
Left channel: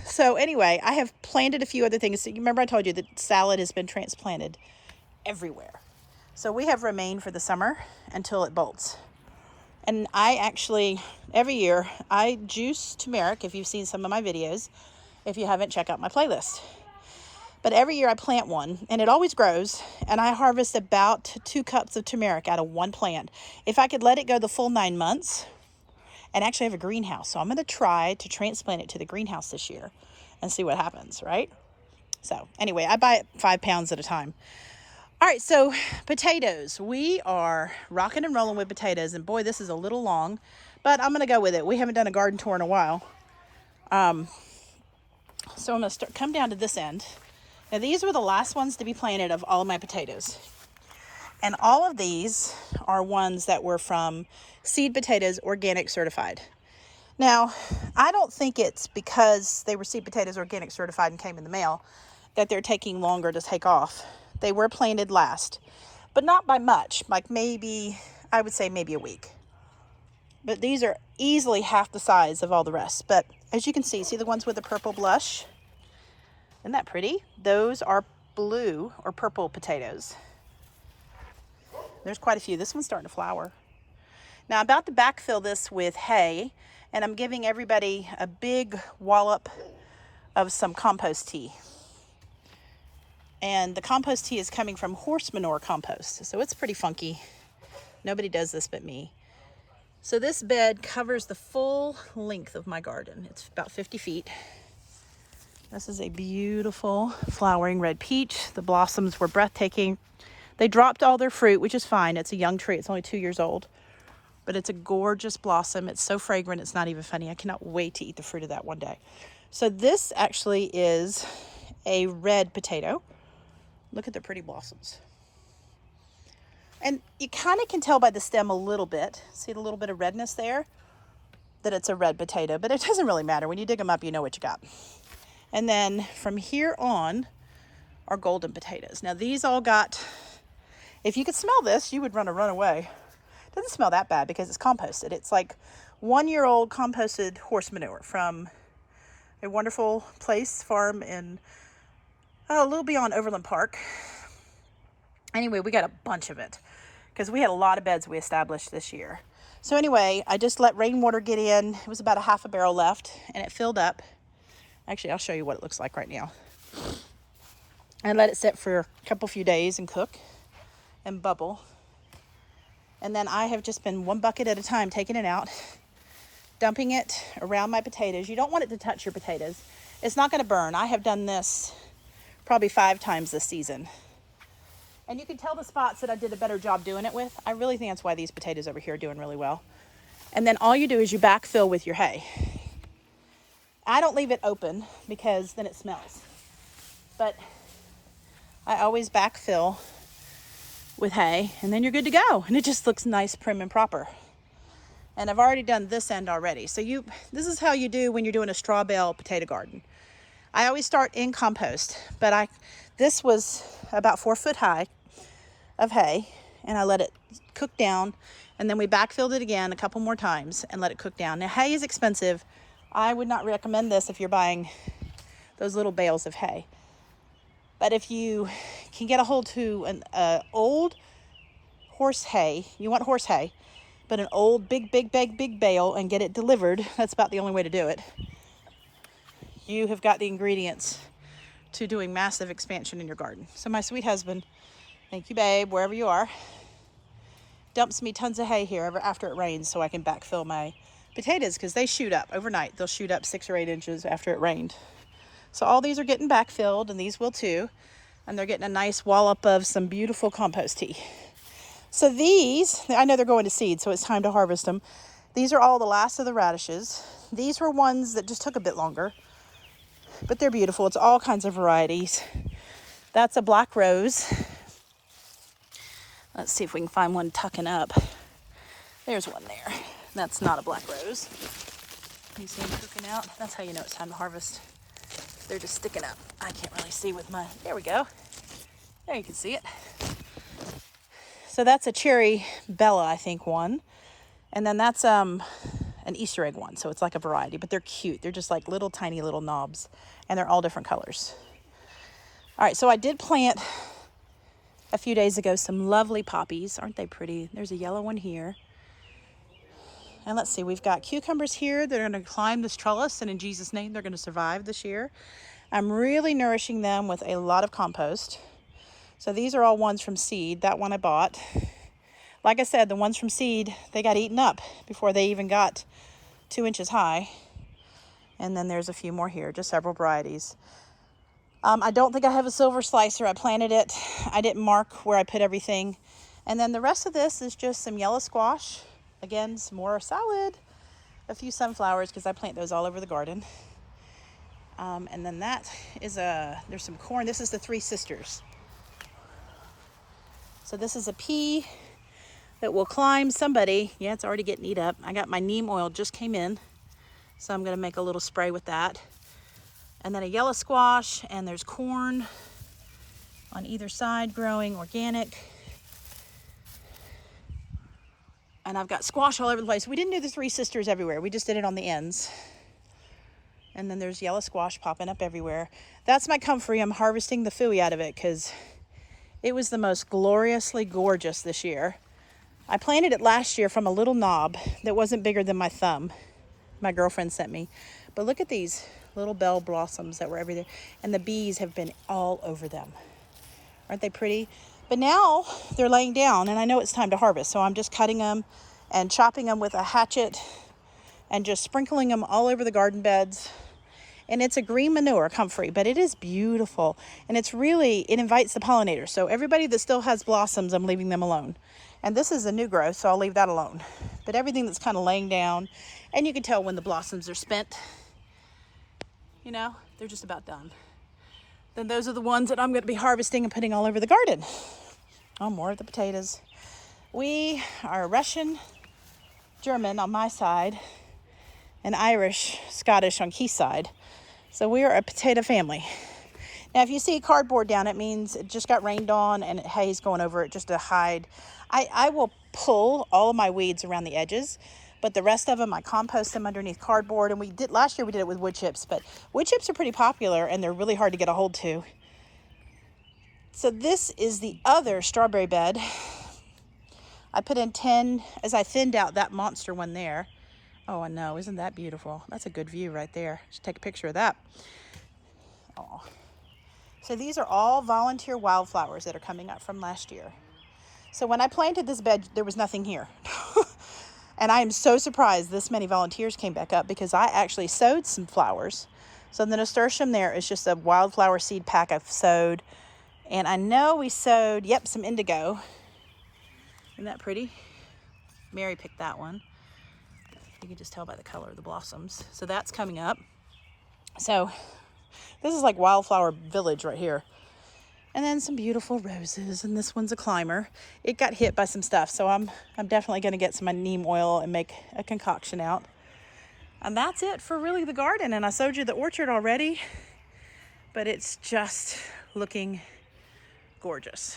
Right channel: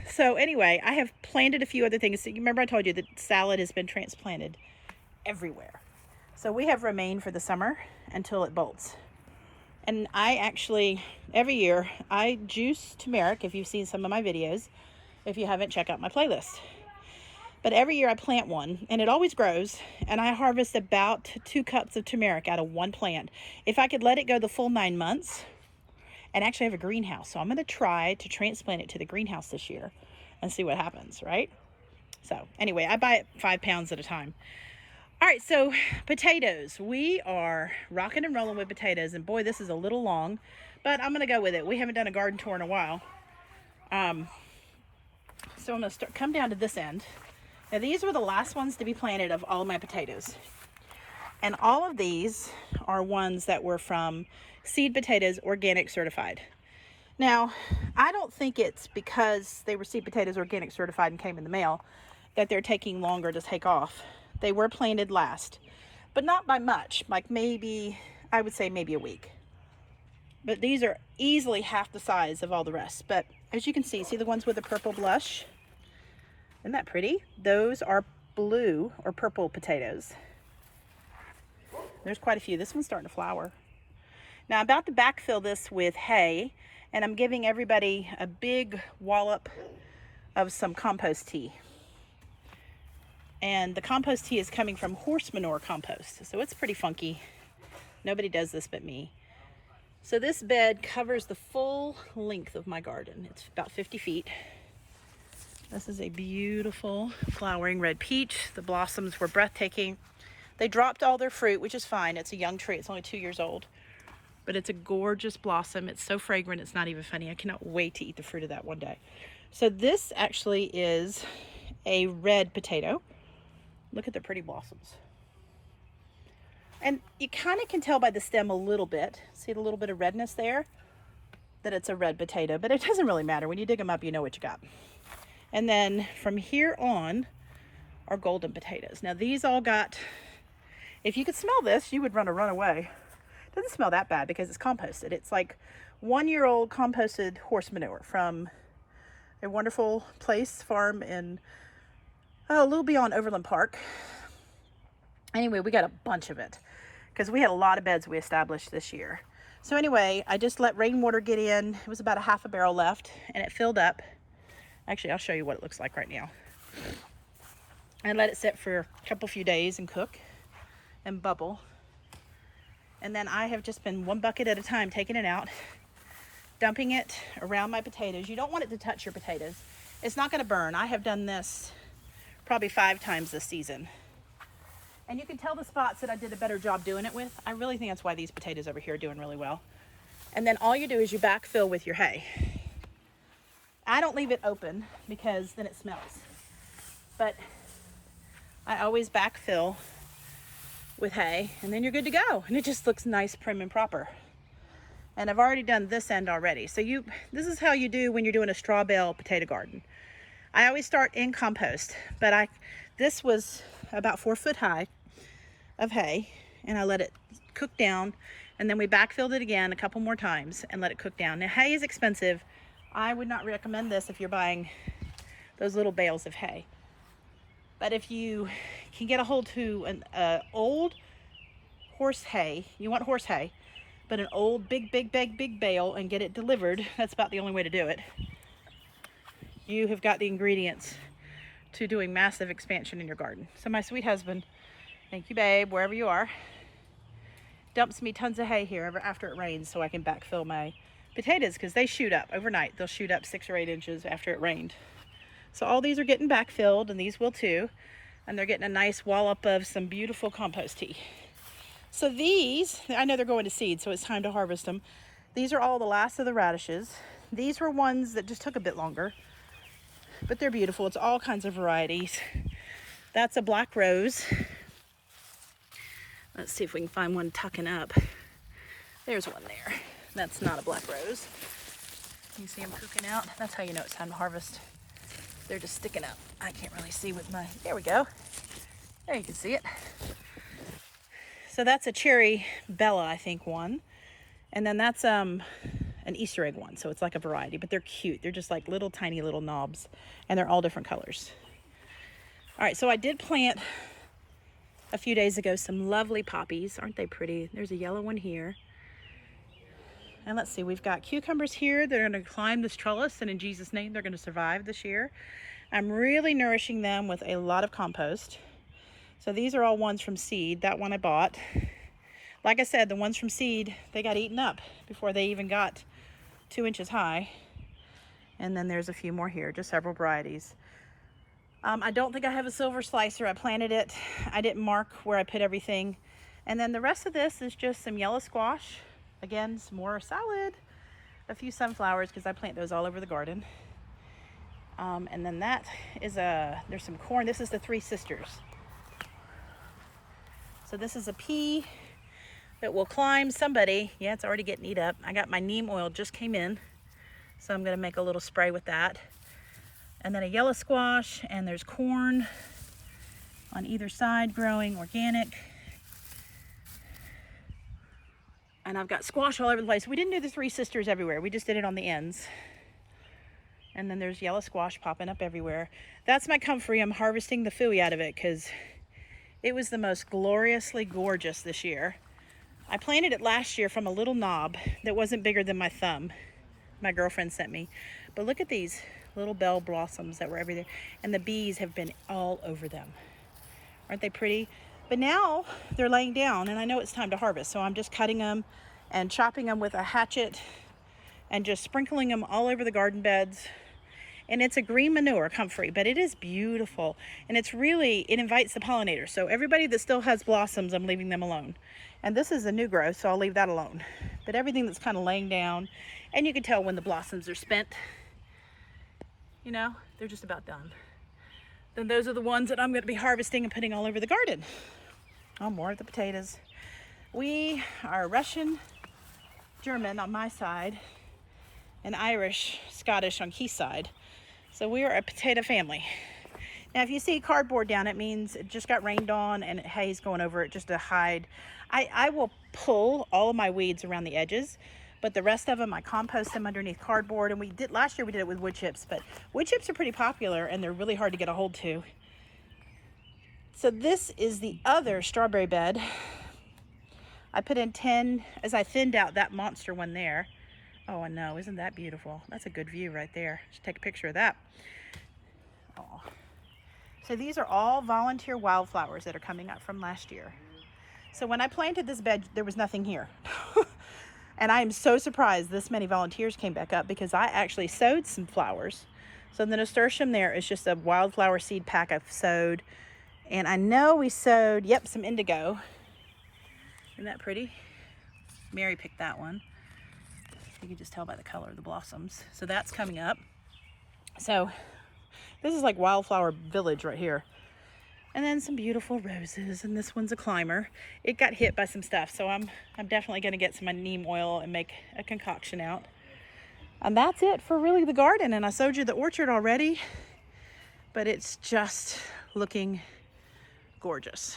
So anyway, I have planted a few other things. So you remember I told you that salad has been transplanted everywhere. So we have romaine for the summer until it bolts. And I actually, every year, I juice turmeric, if you've seen some of my videos. If you haven't, check out my playlist. But every year I plant one, and it always grows, and I harvest about 2 cups of turmeric out of one plant. If I could let it go the full 9 months, and actually I have a greenhouse, so I'm going to try to transplant it to the greenhouse this year and see what happens, right? So anyway, I buy it 5 pounds at a time. All right, so potatoes. We are rocking and rolling with potatoes, and boy, this is a little long, but I'm going to go with it. We haven't done a garden tour in a while. So I'm going to come down to this end. Now, these were the last ones to be planted of all of my potatoes. And all of these are ones that were from Seed Potatoes Organic Certified. Now, I don't think it's because they were Seed Potatoes Organic Certified and came in the mail that they're taking longer to take off. They were planted last, but not by much, like maybe, I would say maybe a week. But these are easily half the size of all the rest. But as you can see the ones with the purple blush? Isn't that pretty? Those are blue or purple potatoes. There's quite a few. This one's starting to flower. Now I'm about to backfill this with hay, and I'm giving everybody a big wallop of some compost tea. And the compost tea is coming from horse manure compost, so it's pretty funky. Nobody does this but me. So this bed covers the full length of my garden. It's about 50 feet. This is a beautiful flowering red peach. The blossoms were breathtaking. They dropped all their fruit, which is fine. It's a young tree. It's only 2 years old. But it's a gorgeous blossom. It's so fragrant, it's not even funny. I cannot wait to eat the fruit of that one day. So this actually is a red potato. Look at the pretty blossoms. And you kind of can tell by the stem a little bit. See the little bit of redness there? That it's a red potato, but it doesn't really matter. When you dig them up, you know what you got. And then from here on are golden potatoes. Now these all got, if you could smell this, you would run away. It doesn't smell that bad because it's composted. It's like 1-year-old composted horse manure from a wonderful place, farm in a little beyond Overland Park. Anyway, we got a bunch of it because we had a lot of beds we established this year. So anyway, I just let rainwater get in. It was about a half a barrel left and it filled up. Actually, I'll show you what it looks like right now. I let it sit for a few days and cook and bubble. And then I have just been 1 bucket at a time taking it out, dumping it around my potatoes. You don't want it to touch your potatoes. It's not going to burn. I have done this probably 5 times this season. And you can tell the spots that I did a better job doing it with. I really think that's why these potatoes over here are doing really well. And then all you do is you backfill with your hay. I don't leave it open because then it smells. But I always backfill with hay and then you're good to go. And it just looks nice, prim and proper. And I've already done this end already. So this is how you do when you're doing a straw bale potato garden. I always start in compost, but this was about 4 foot high of hay and I let it cook down and then we backfilled it again a couple more times and let it cook down. Now hay is expensive. I would not recommend this if you're buying those little bales of hay. But if you can get a hold to an old horse hay, you want horse hay, but an old big bale and get it delivered, that's about the only way to do it. You have got the ingredients to doing massive expansion in your garden. So my sweet husband, thank you babe, wherever you are, dumps me tons of hay here after it rains so I can backfill my potatoes because they shoot up overnight. They'll shoot up 6 or 8 inches after it rained. So all these are getting backfilled and these will too. And they're getting a nice wallop of some beautiful compost tea. So these, I know they're going to seed, so it's time to harvest them. These are all the last of the radishes. These were ones that just took a bit longer, but they're beautiful. It's all kinds of varieties. That's a black rose. Let's see if we can find one tucking up. There's one there. That's not a black rose. You see them cooking out? That's how you know it's time to harvest. They're just sticking up. I can't really see with my, there we go. There you can see it. So that's a cherry Bella, I think, one. And then that's an Easter egg one. So it's like a variety, but they're cute. They're just like little tiny little knobs and they're all different colors. All right, so I did plant a few days ago some lovely poppies. Aren't they pretty? There's a yellow one here. And let's see, we've got cucumbers here. They're going to climb this trellis, and in Jesus' name, they're going to survive this year. I'm really nourishing them with a lot of compost. So these are all ones from seed. That one I bought. Like I said, the ones from seed, they got eaten up before they even got 2 inches high. And then there's a few more here, just several varieties. I don't think I have a silver slicer. I planted it. I didn't mark where I put everything. And then the rest of this is just some yellow squash. Again, some more salad, a few sunflowers because I plant those all over the garden. And then that is there's some corn. This is the Three Sisters. So this is a pea that will climb somebody. Yeah, it's already getting eat up. I got my neem oil just came in. So I'm going to make a little spray with that. And then a yellow squash, and there's corn on either side growing organic. And I've got squash all over the place. We didn't do the Three Sisters everywhere. We just did it on the ends. And then there's yellow squash popping up everywhere. That's my comfrey. I'm harvesting the phooey out of it because it was the most gloriously gorgeous this year. I planted it last year from a little knob that wasn't bigger than my thumb. My girlfriend sent me. But look at these little bell blossoms that were everything. And the bees have been all over them. Aren't they pretty? But now they're laying down and I know it's time to harvest. So I'm just cutting them and chopping them with a hatchet and just sprinkling them all over the garden beds. And it's a green manure comfrey, but it is beautiful. And it invites the pollinators. So everybody that still has blossoms, I'm leaving them alone. And this is a new growth, so I'll leave that alone. But everything that's kind of laying down, and you can tell when the blossoms are spent, you know, they're just about done. then those are the ones that I'm going to be harvesting and putting all over the garden. Oh, more of the potatoes. We are Russian, German on my side, and Irish, Scottish on Keith's side. So we are a potato family. Now, if you see cardboard down, it means it just got rained on and hay's going over it just to hide. I will pull all of my weeds around the edges, but the rest of them, I compost them underneath cardboard. And last year we did it with wood chips, but wood chips are pretty popular and they're really hard to get a hold to. So this is the other strawberry bed. I put in 10 as I thinned out that monster one there. Oh, I know, isn't that beautiful? That's a good view right there. Just take a picture of that. Oh. So these are all volunteer wildflowers that are coming up from last year. So when I planted this bed, there was nothing here. And I am so surprised this many volunteers came back up because I actually sowed some flowers. So the Nasturtium there is just a wildflower seed pack I've sowed. And I know we sowed, yep, some indigo. Isn't that pretty? Mary picked that one. You can just tell by the color of the blossoms. So that's coming up. So this is like wildflower village right here. And then some beautiful roses, and this one's a climber. It got hit by some stuff, so I'm definitely gonna get some neem oil and make a concoction out. And that's it for really the garden. And I showed you the orchard already, but it's just looking gorgeous,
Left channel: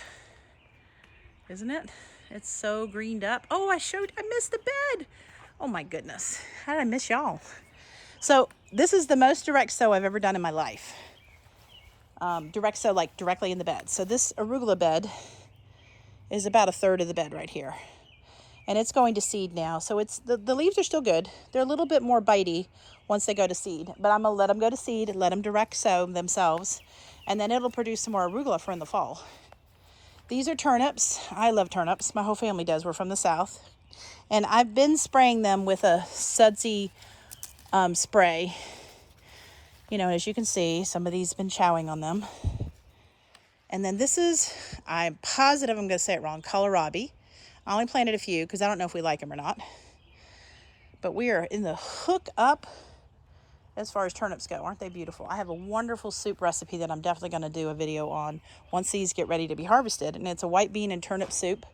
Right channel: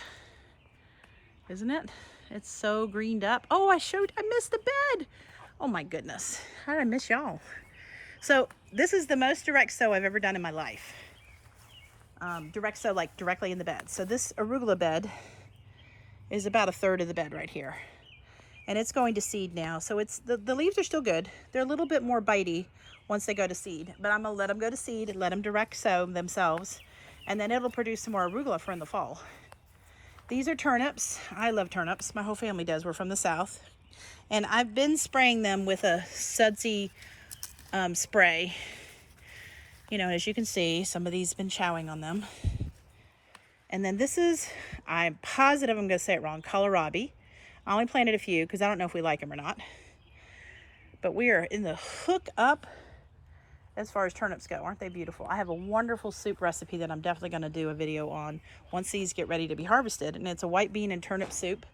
isn't it? It's so greened up. Oh, I missed the bed. Oh my goodness, how did I miss y'all? So this is the most direct sow I've ever done in my life. Direct sow, like directly in the bed. So this arugula bed is about a third of the bed right here. And it's going to seed now. So it's the leaves are still good. They're a little bit more bitey once they go to seed. But I'm gonna let them go to seed, let them direct sow themselves, and then it'll produce some more arugula for in the fall. These are turnips. I love turnips. My whole family does. We're from the south. And I've been spraying them with a sudsy spray. You know, as you can see, some of these have been chowing on them. And then this is, I'm positive I'm going to say it wrong, kohlrabi. I only planted a few because I don't know if we like them or not. But we are in the hook up as far as turnips go. Aren't they beautiful? I have a wonderful soup recipe that I'm definitely going to do a video on once these get ready to be harvested. And it's a white bean and turnip soup.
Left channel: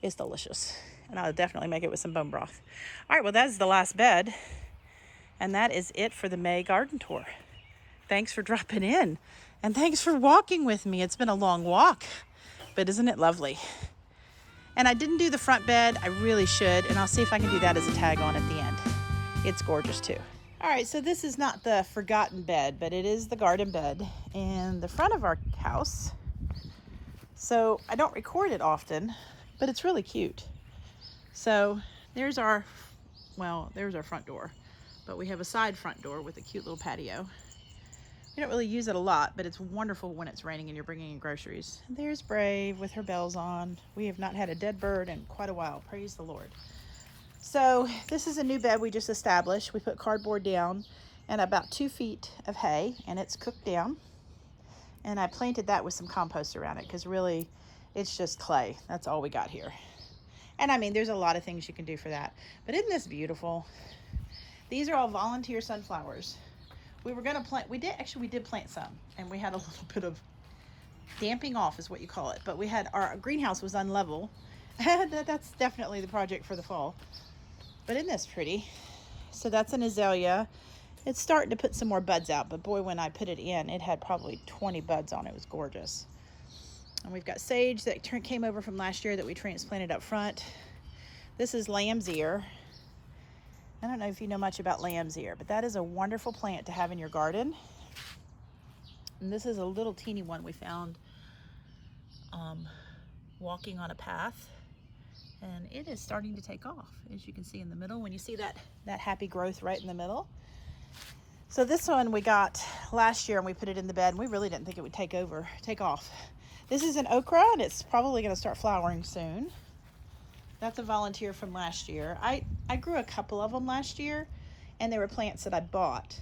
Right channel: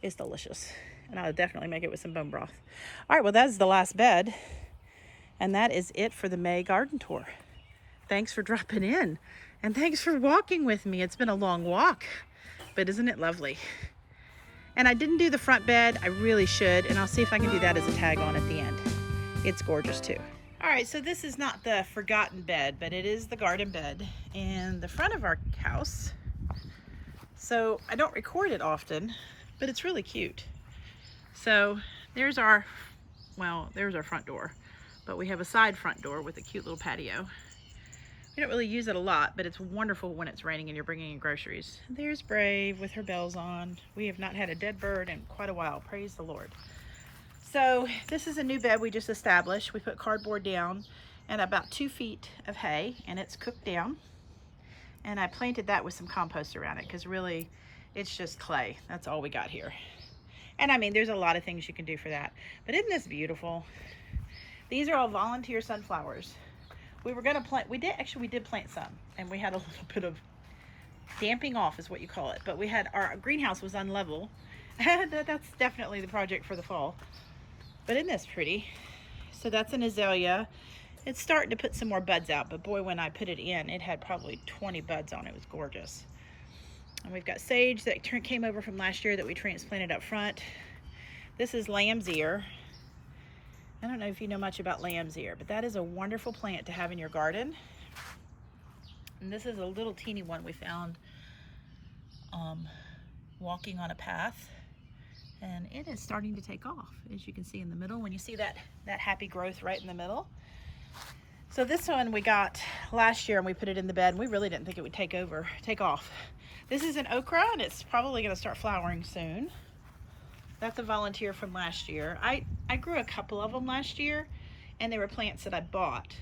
It's delicious. And I'll definitely make it with some bone broth. All right, well, that is the last bed. And that is it for the May garden tour. Thanks for dropping in. And thanks for walking with me. It's been a long walk, but isn't it lovely? And I didn't do the front bed. I really should. And I'll see if I can do that as a tag on at the end. It's gorgeous too. All right, so this is not the forgotten bed, but it is the garden bed in the front of our house. So I don't record it often, but it's really cute. So there's our front door, but we have a side front door with a cute little patio. We don't really use it a lot, but it's wonderful when it's raining and you're bringing in groceries. There's Brave with her bells on. We have not had a dead bird in quite a while. Praise the Lord. So this is a new bed we just established. We put cardboard down and about 2 feet of hay, and it's cooked down. And I planted that with some compost around it because really it's just clay. That's all we got here. And I mean, there's a lot of things you can do for that. But isn't this beautiful? These are all volunteer sunflowers. We were gonna plant, we did plant some, and we had a little bit of damping off is what you call it. But we had, our greenhouse was unlevel. That's definitely the project for the fall. But isn't this pretty? So that's an azalea. It's starting to put some more buds out, but boy, when I put it in, it had probably 20 buds on it. It was gorgeous. And we've got sage that came over from last year that we transplanted up front. This is lamb's ear. I don't know if you know much about lamb's ear, but that is a wonderful plant to have in your garden. And this is a little teeny one we found walking on a path. And it is starting to take off, as you can see in the middle. When you see that happy growth right in the middle. So this one we got last year and we put it in the bed, and we really didn't think it would take off. This is an okra, and it's probably gonna start flowering soon. That's a volunteer from last year. I grew a couple of them last year, and they were plants that I bought.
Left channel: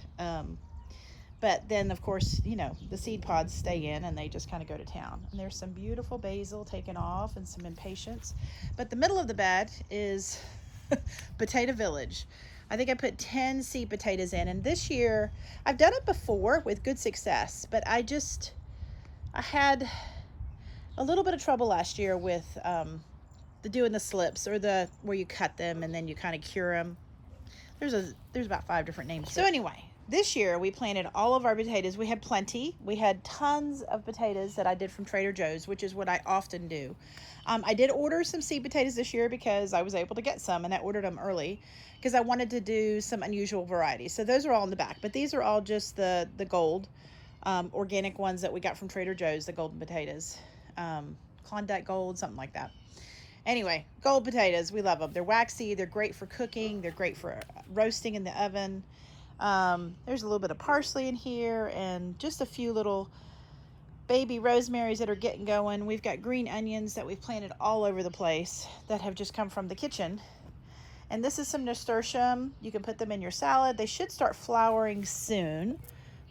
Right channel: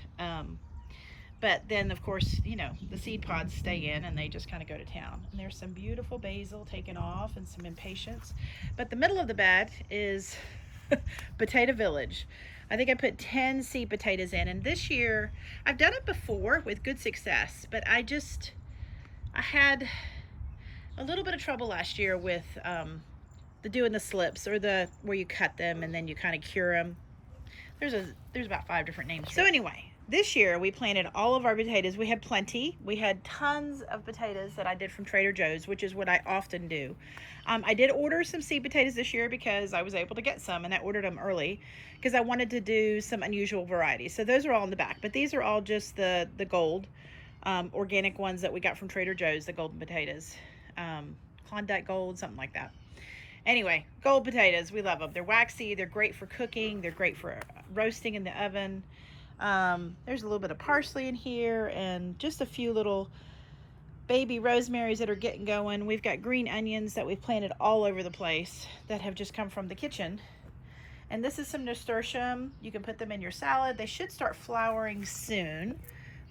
But then, of course, you know, the seed pods stay in and they just kind of go to town. And there's some beautiful basil taken off and some impatiens. But the middle of the bed is Potato Village. I think I put 10 seed potatoes in. And this year, I've done it before with good success. But I just, I had a little bit of trouble last year with doing the slips, or the where you cut them and then you kind of cure them. There's about 5 different names. So anyway, this year we planted all of our potatoes. We had plenty. We had tons of potatoes that I did from Trader Joe's, which is what I often do. I did order some seed potatoes this year because I was able to get some, and I ordered them early because I wanted to do some unusual varieties. So those are all in the back, but these are all just the gold organic ones that we got from Trader Joe's, the golden potatoes. Klondike Gold, something like that. Anyway, gold potatoes, we love them. They're waxy, they're great for cooking, they're great for roasting in the oven. There's a little bit of parsley in here and just a few little baby rosemaries that are getting going. We've got green onions that we've planted all over the place that have just come from the kitchen. And this is some nasturtium. You can put them in your salad. They should start flowering soon.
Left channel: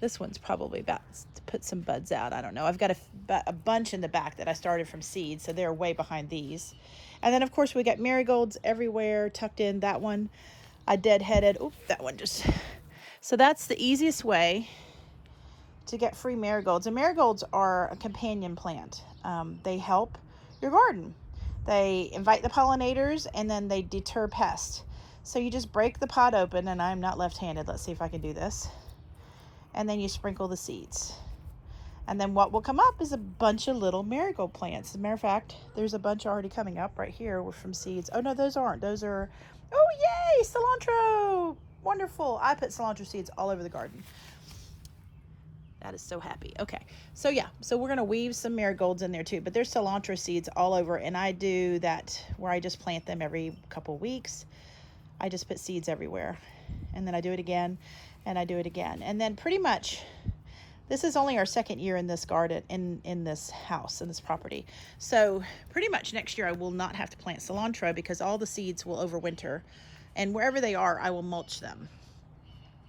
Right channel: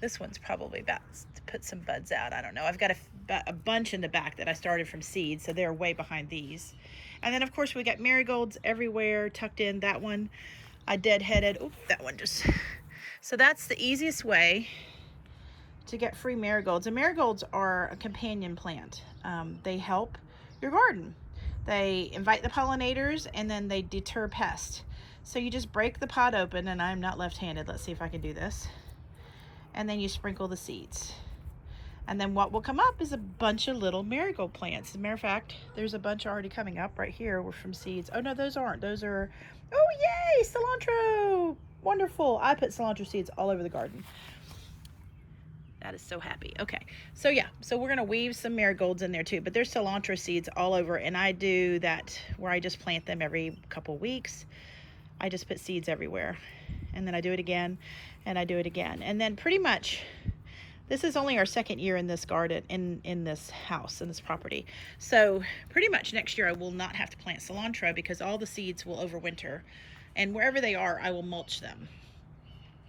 This one's probably about to put some buds out. I don't know. I've got a bunch in the back that I started from seeds, so they're way behind these. And then, of course, we got marigolds everywhere tucked in. That one I deadheaded. Oh, that one just... So that's the easiest way to get free marigolds. And marigolds are a companion plant. They help your garden. They invite the pollinators, and then they deter pests. So you just break the pot open, and I'm not left-handed. Let's see if I can do this. And then you sprinkle the seeds. And then what will come up is a bunch of little marigold plants. As a matter of fact, there's a bunch already coming up right here. We're from seeds. Oh, no, those aren't. Those are, oh, yay, cilantro. Wonderful. I put cilantro seeds all over the garden. That is so happy. Okay, so yeah, so we're going to weave some marigolds in there too, but there's cilantro seeds all over, and I do that where I just plant them every couple weeks. I just put seeds everywhere, and then I do it again, and I do it again. And then pretty much, this is only our 2nd year in this garden, in this house, in this property. So pretty much next year I will not have to plant cilantro because all the seeds will overwinter, and wherever they are, I will mulch them.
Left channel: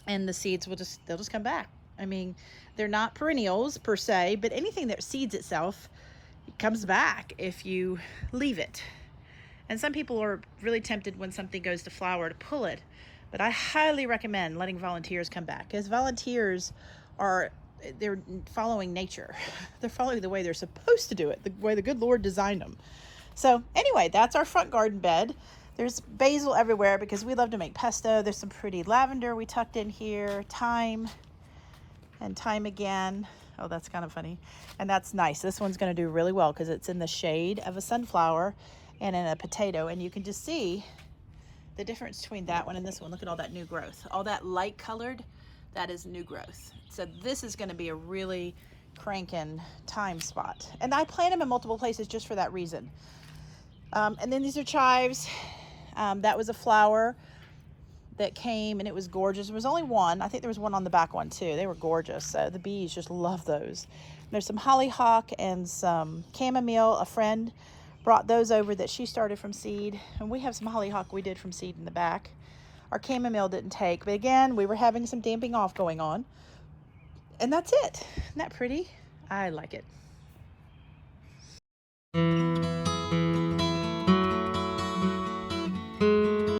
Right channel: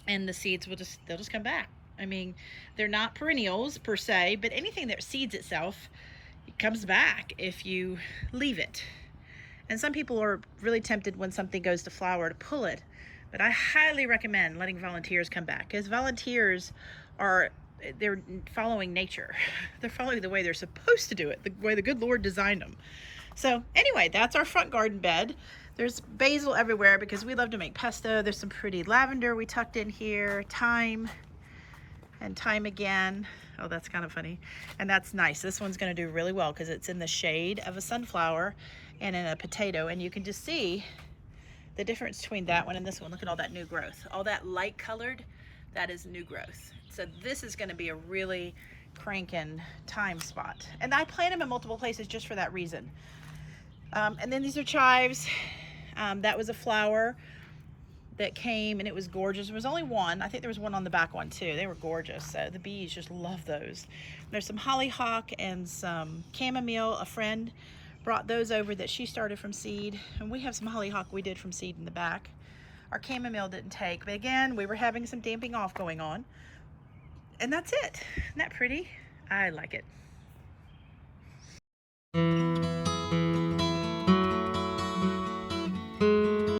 And the seeds will they'll just come back. I mean, they're not perennials per se, but anything that seeds itself, it comes back if you leave it. And some people are really tempted when something goes to flower to pull it, but I highly recommend letting volunteers come back, because volunteers they're following nature. They're following the way they're supposed to do it, the way the good Lord designed them. So anyway, that's our front garden bed. There's basil everywhere because we love to make pesto. There's some pretty lavender we tucked in here, thyme, and thyme again. Oh, that's kind of funny. And that's nice. This one's going to do really well because it's in the shade of a sunflower and in a potato. And you can just see the difference between that one and this one. Look at all that new growth. All that light colored, that is new growth. So this is going to be a really cranking thyme spot. And I plant them in multiple places just for that reason. And then these are chives. That was a flower that came, and it was gorgeous. There was only one. I think there was one on the back one too. They were gorgeous. The bees just love those. There's some hollyhock and some chamomile. A friend brought those over that she started from seed, and we have some hollyhock we did from seed in the back. Our chamomile didn't take, but again, we were having some damping off going on, and that's it. Isn't that pretty? I like it.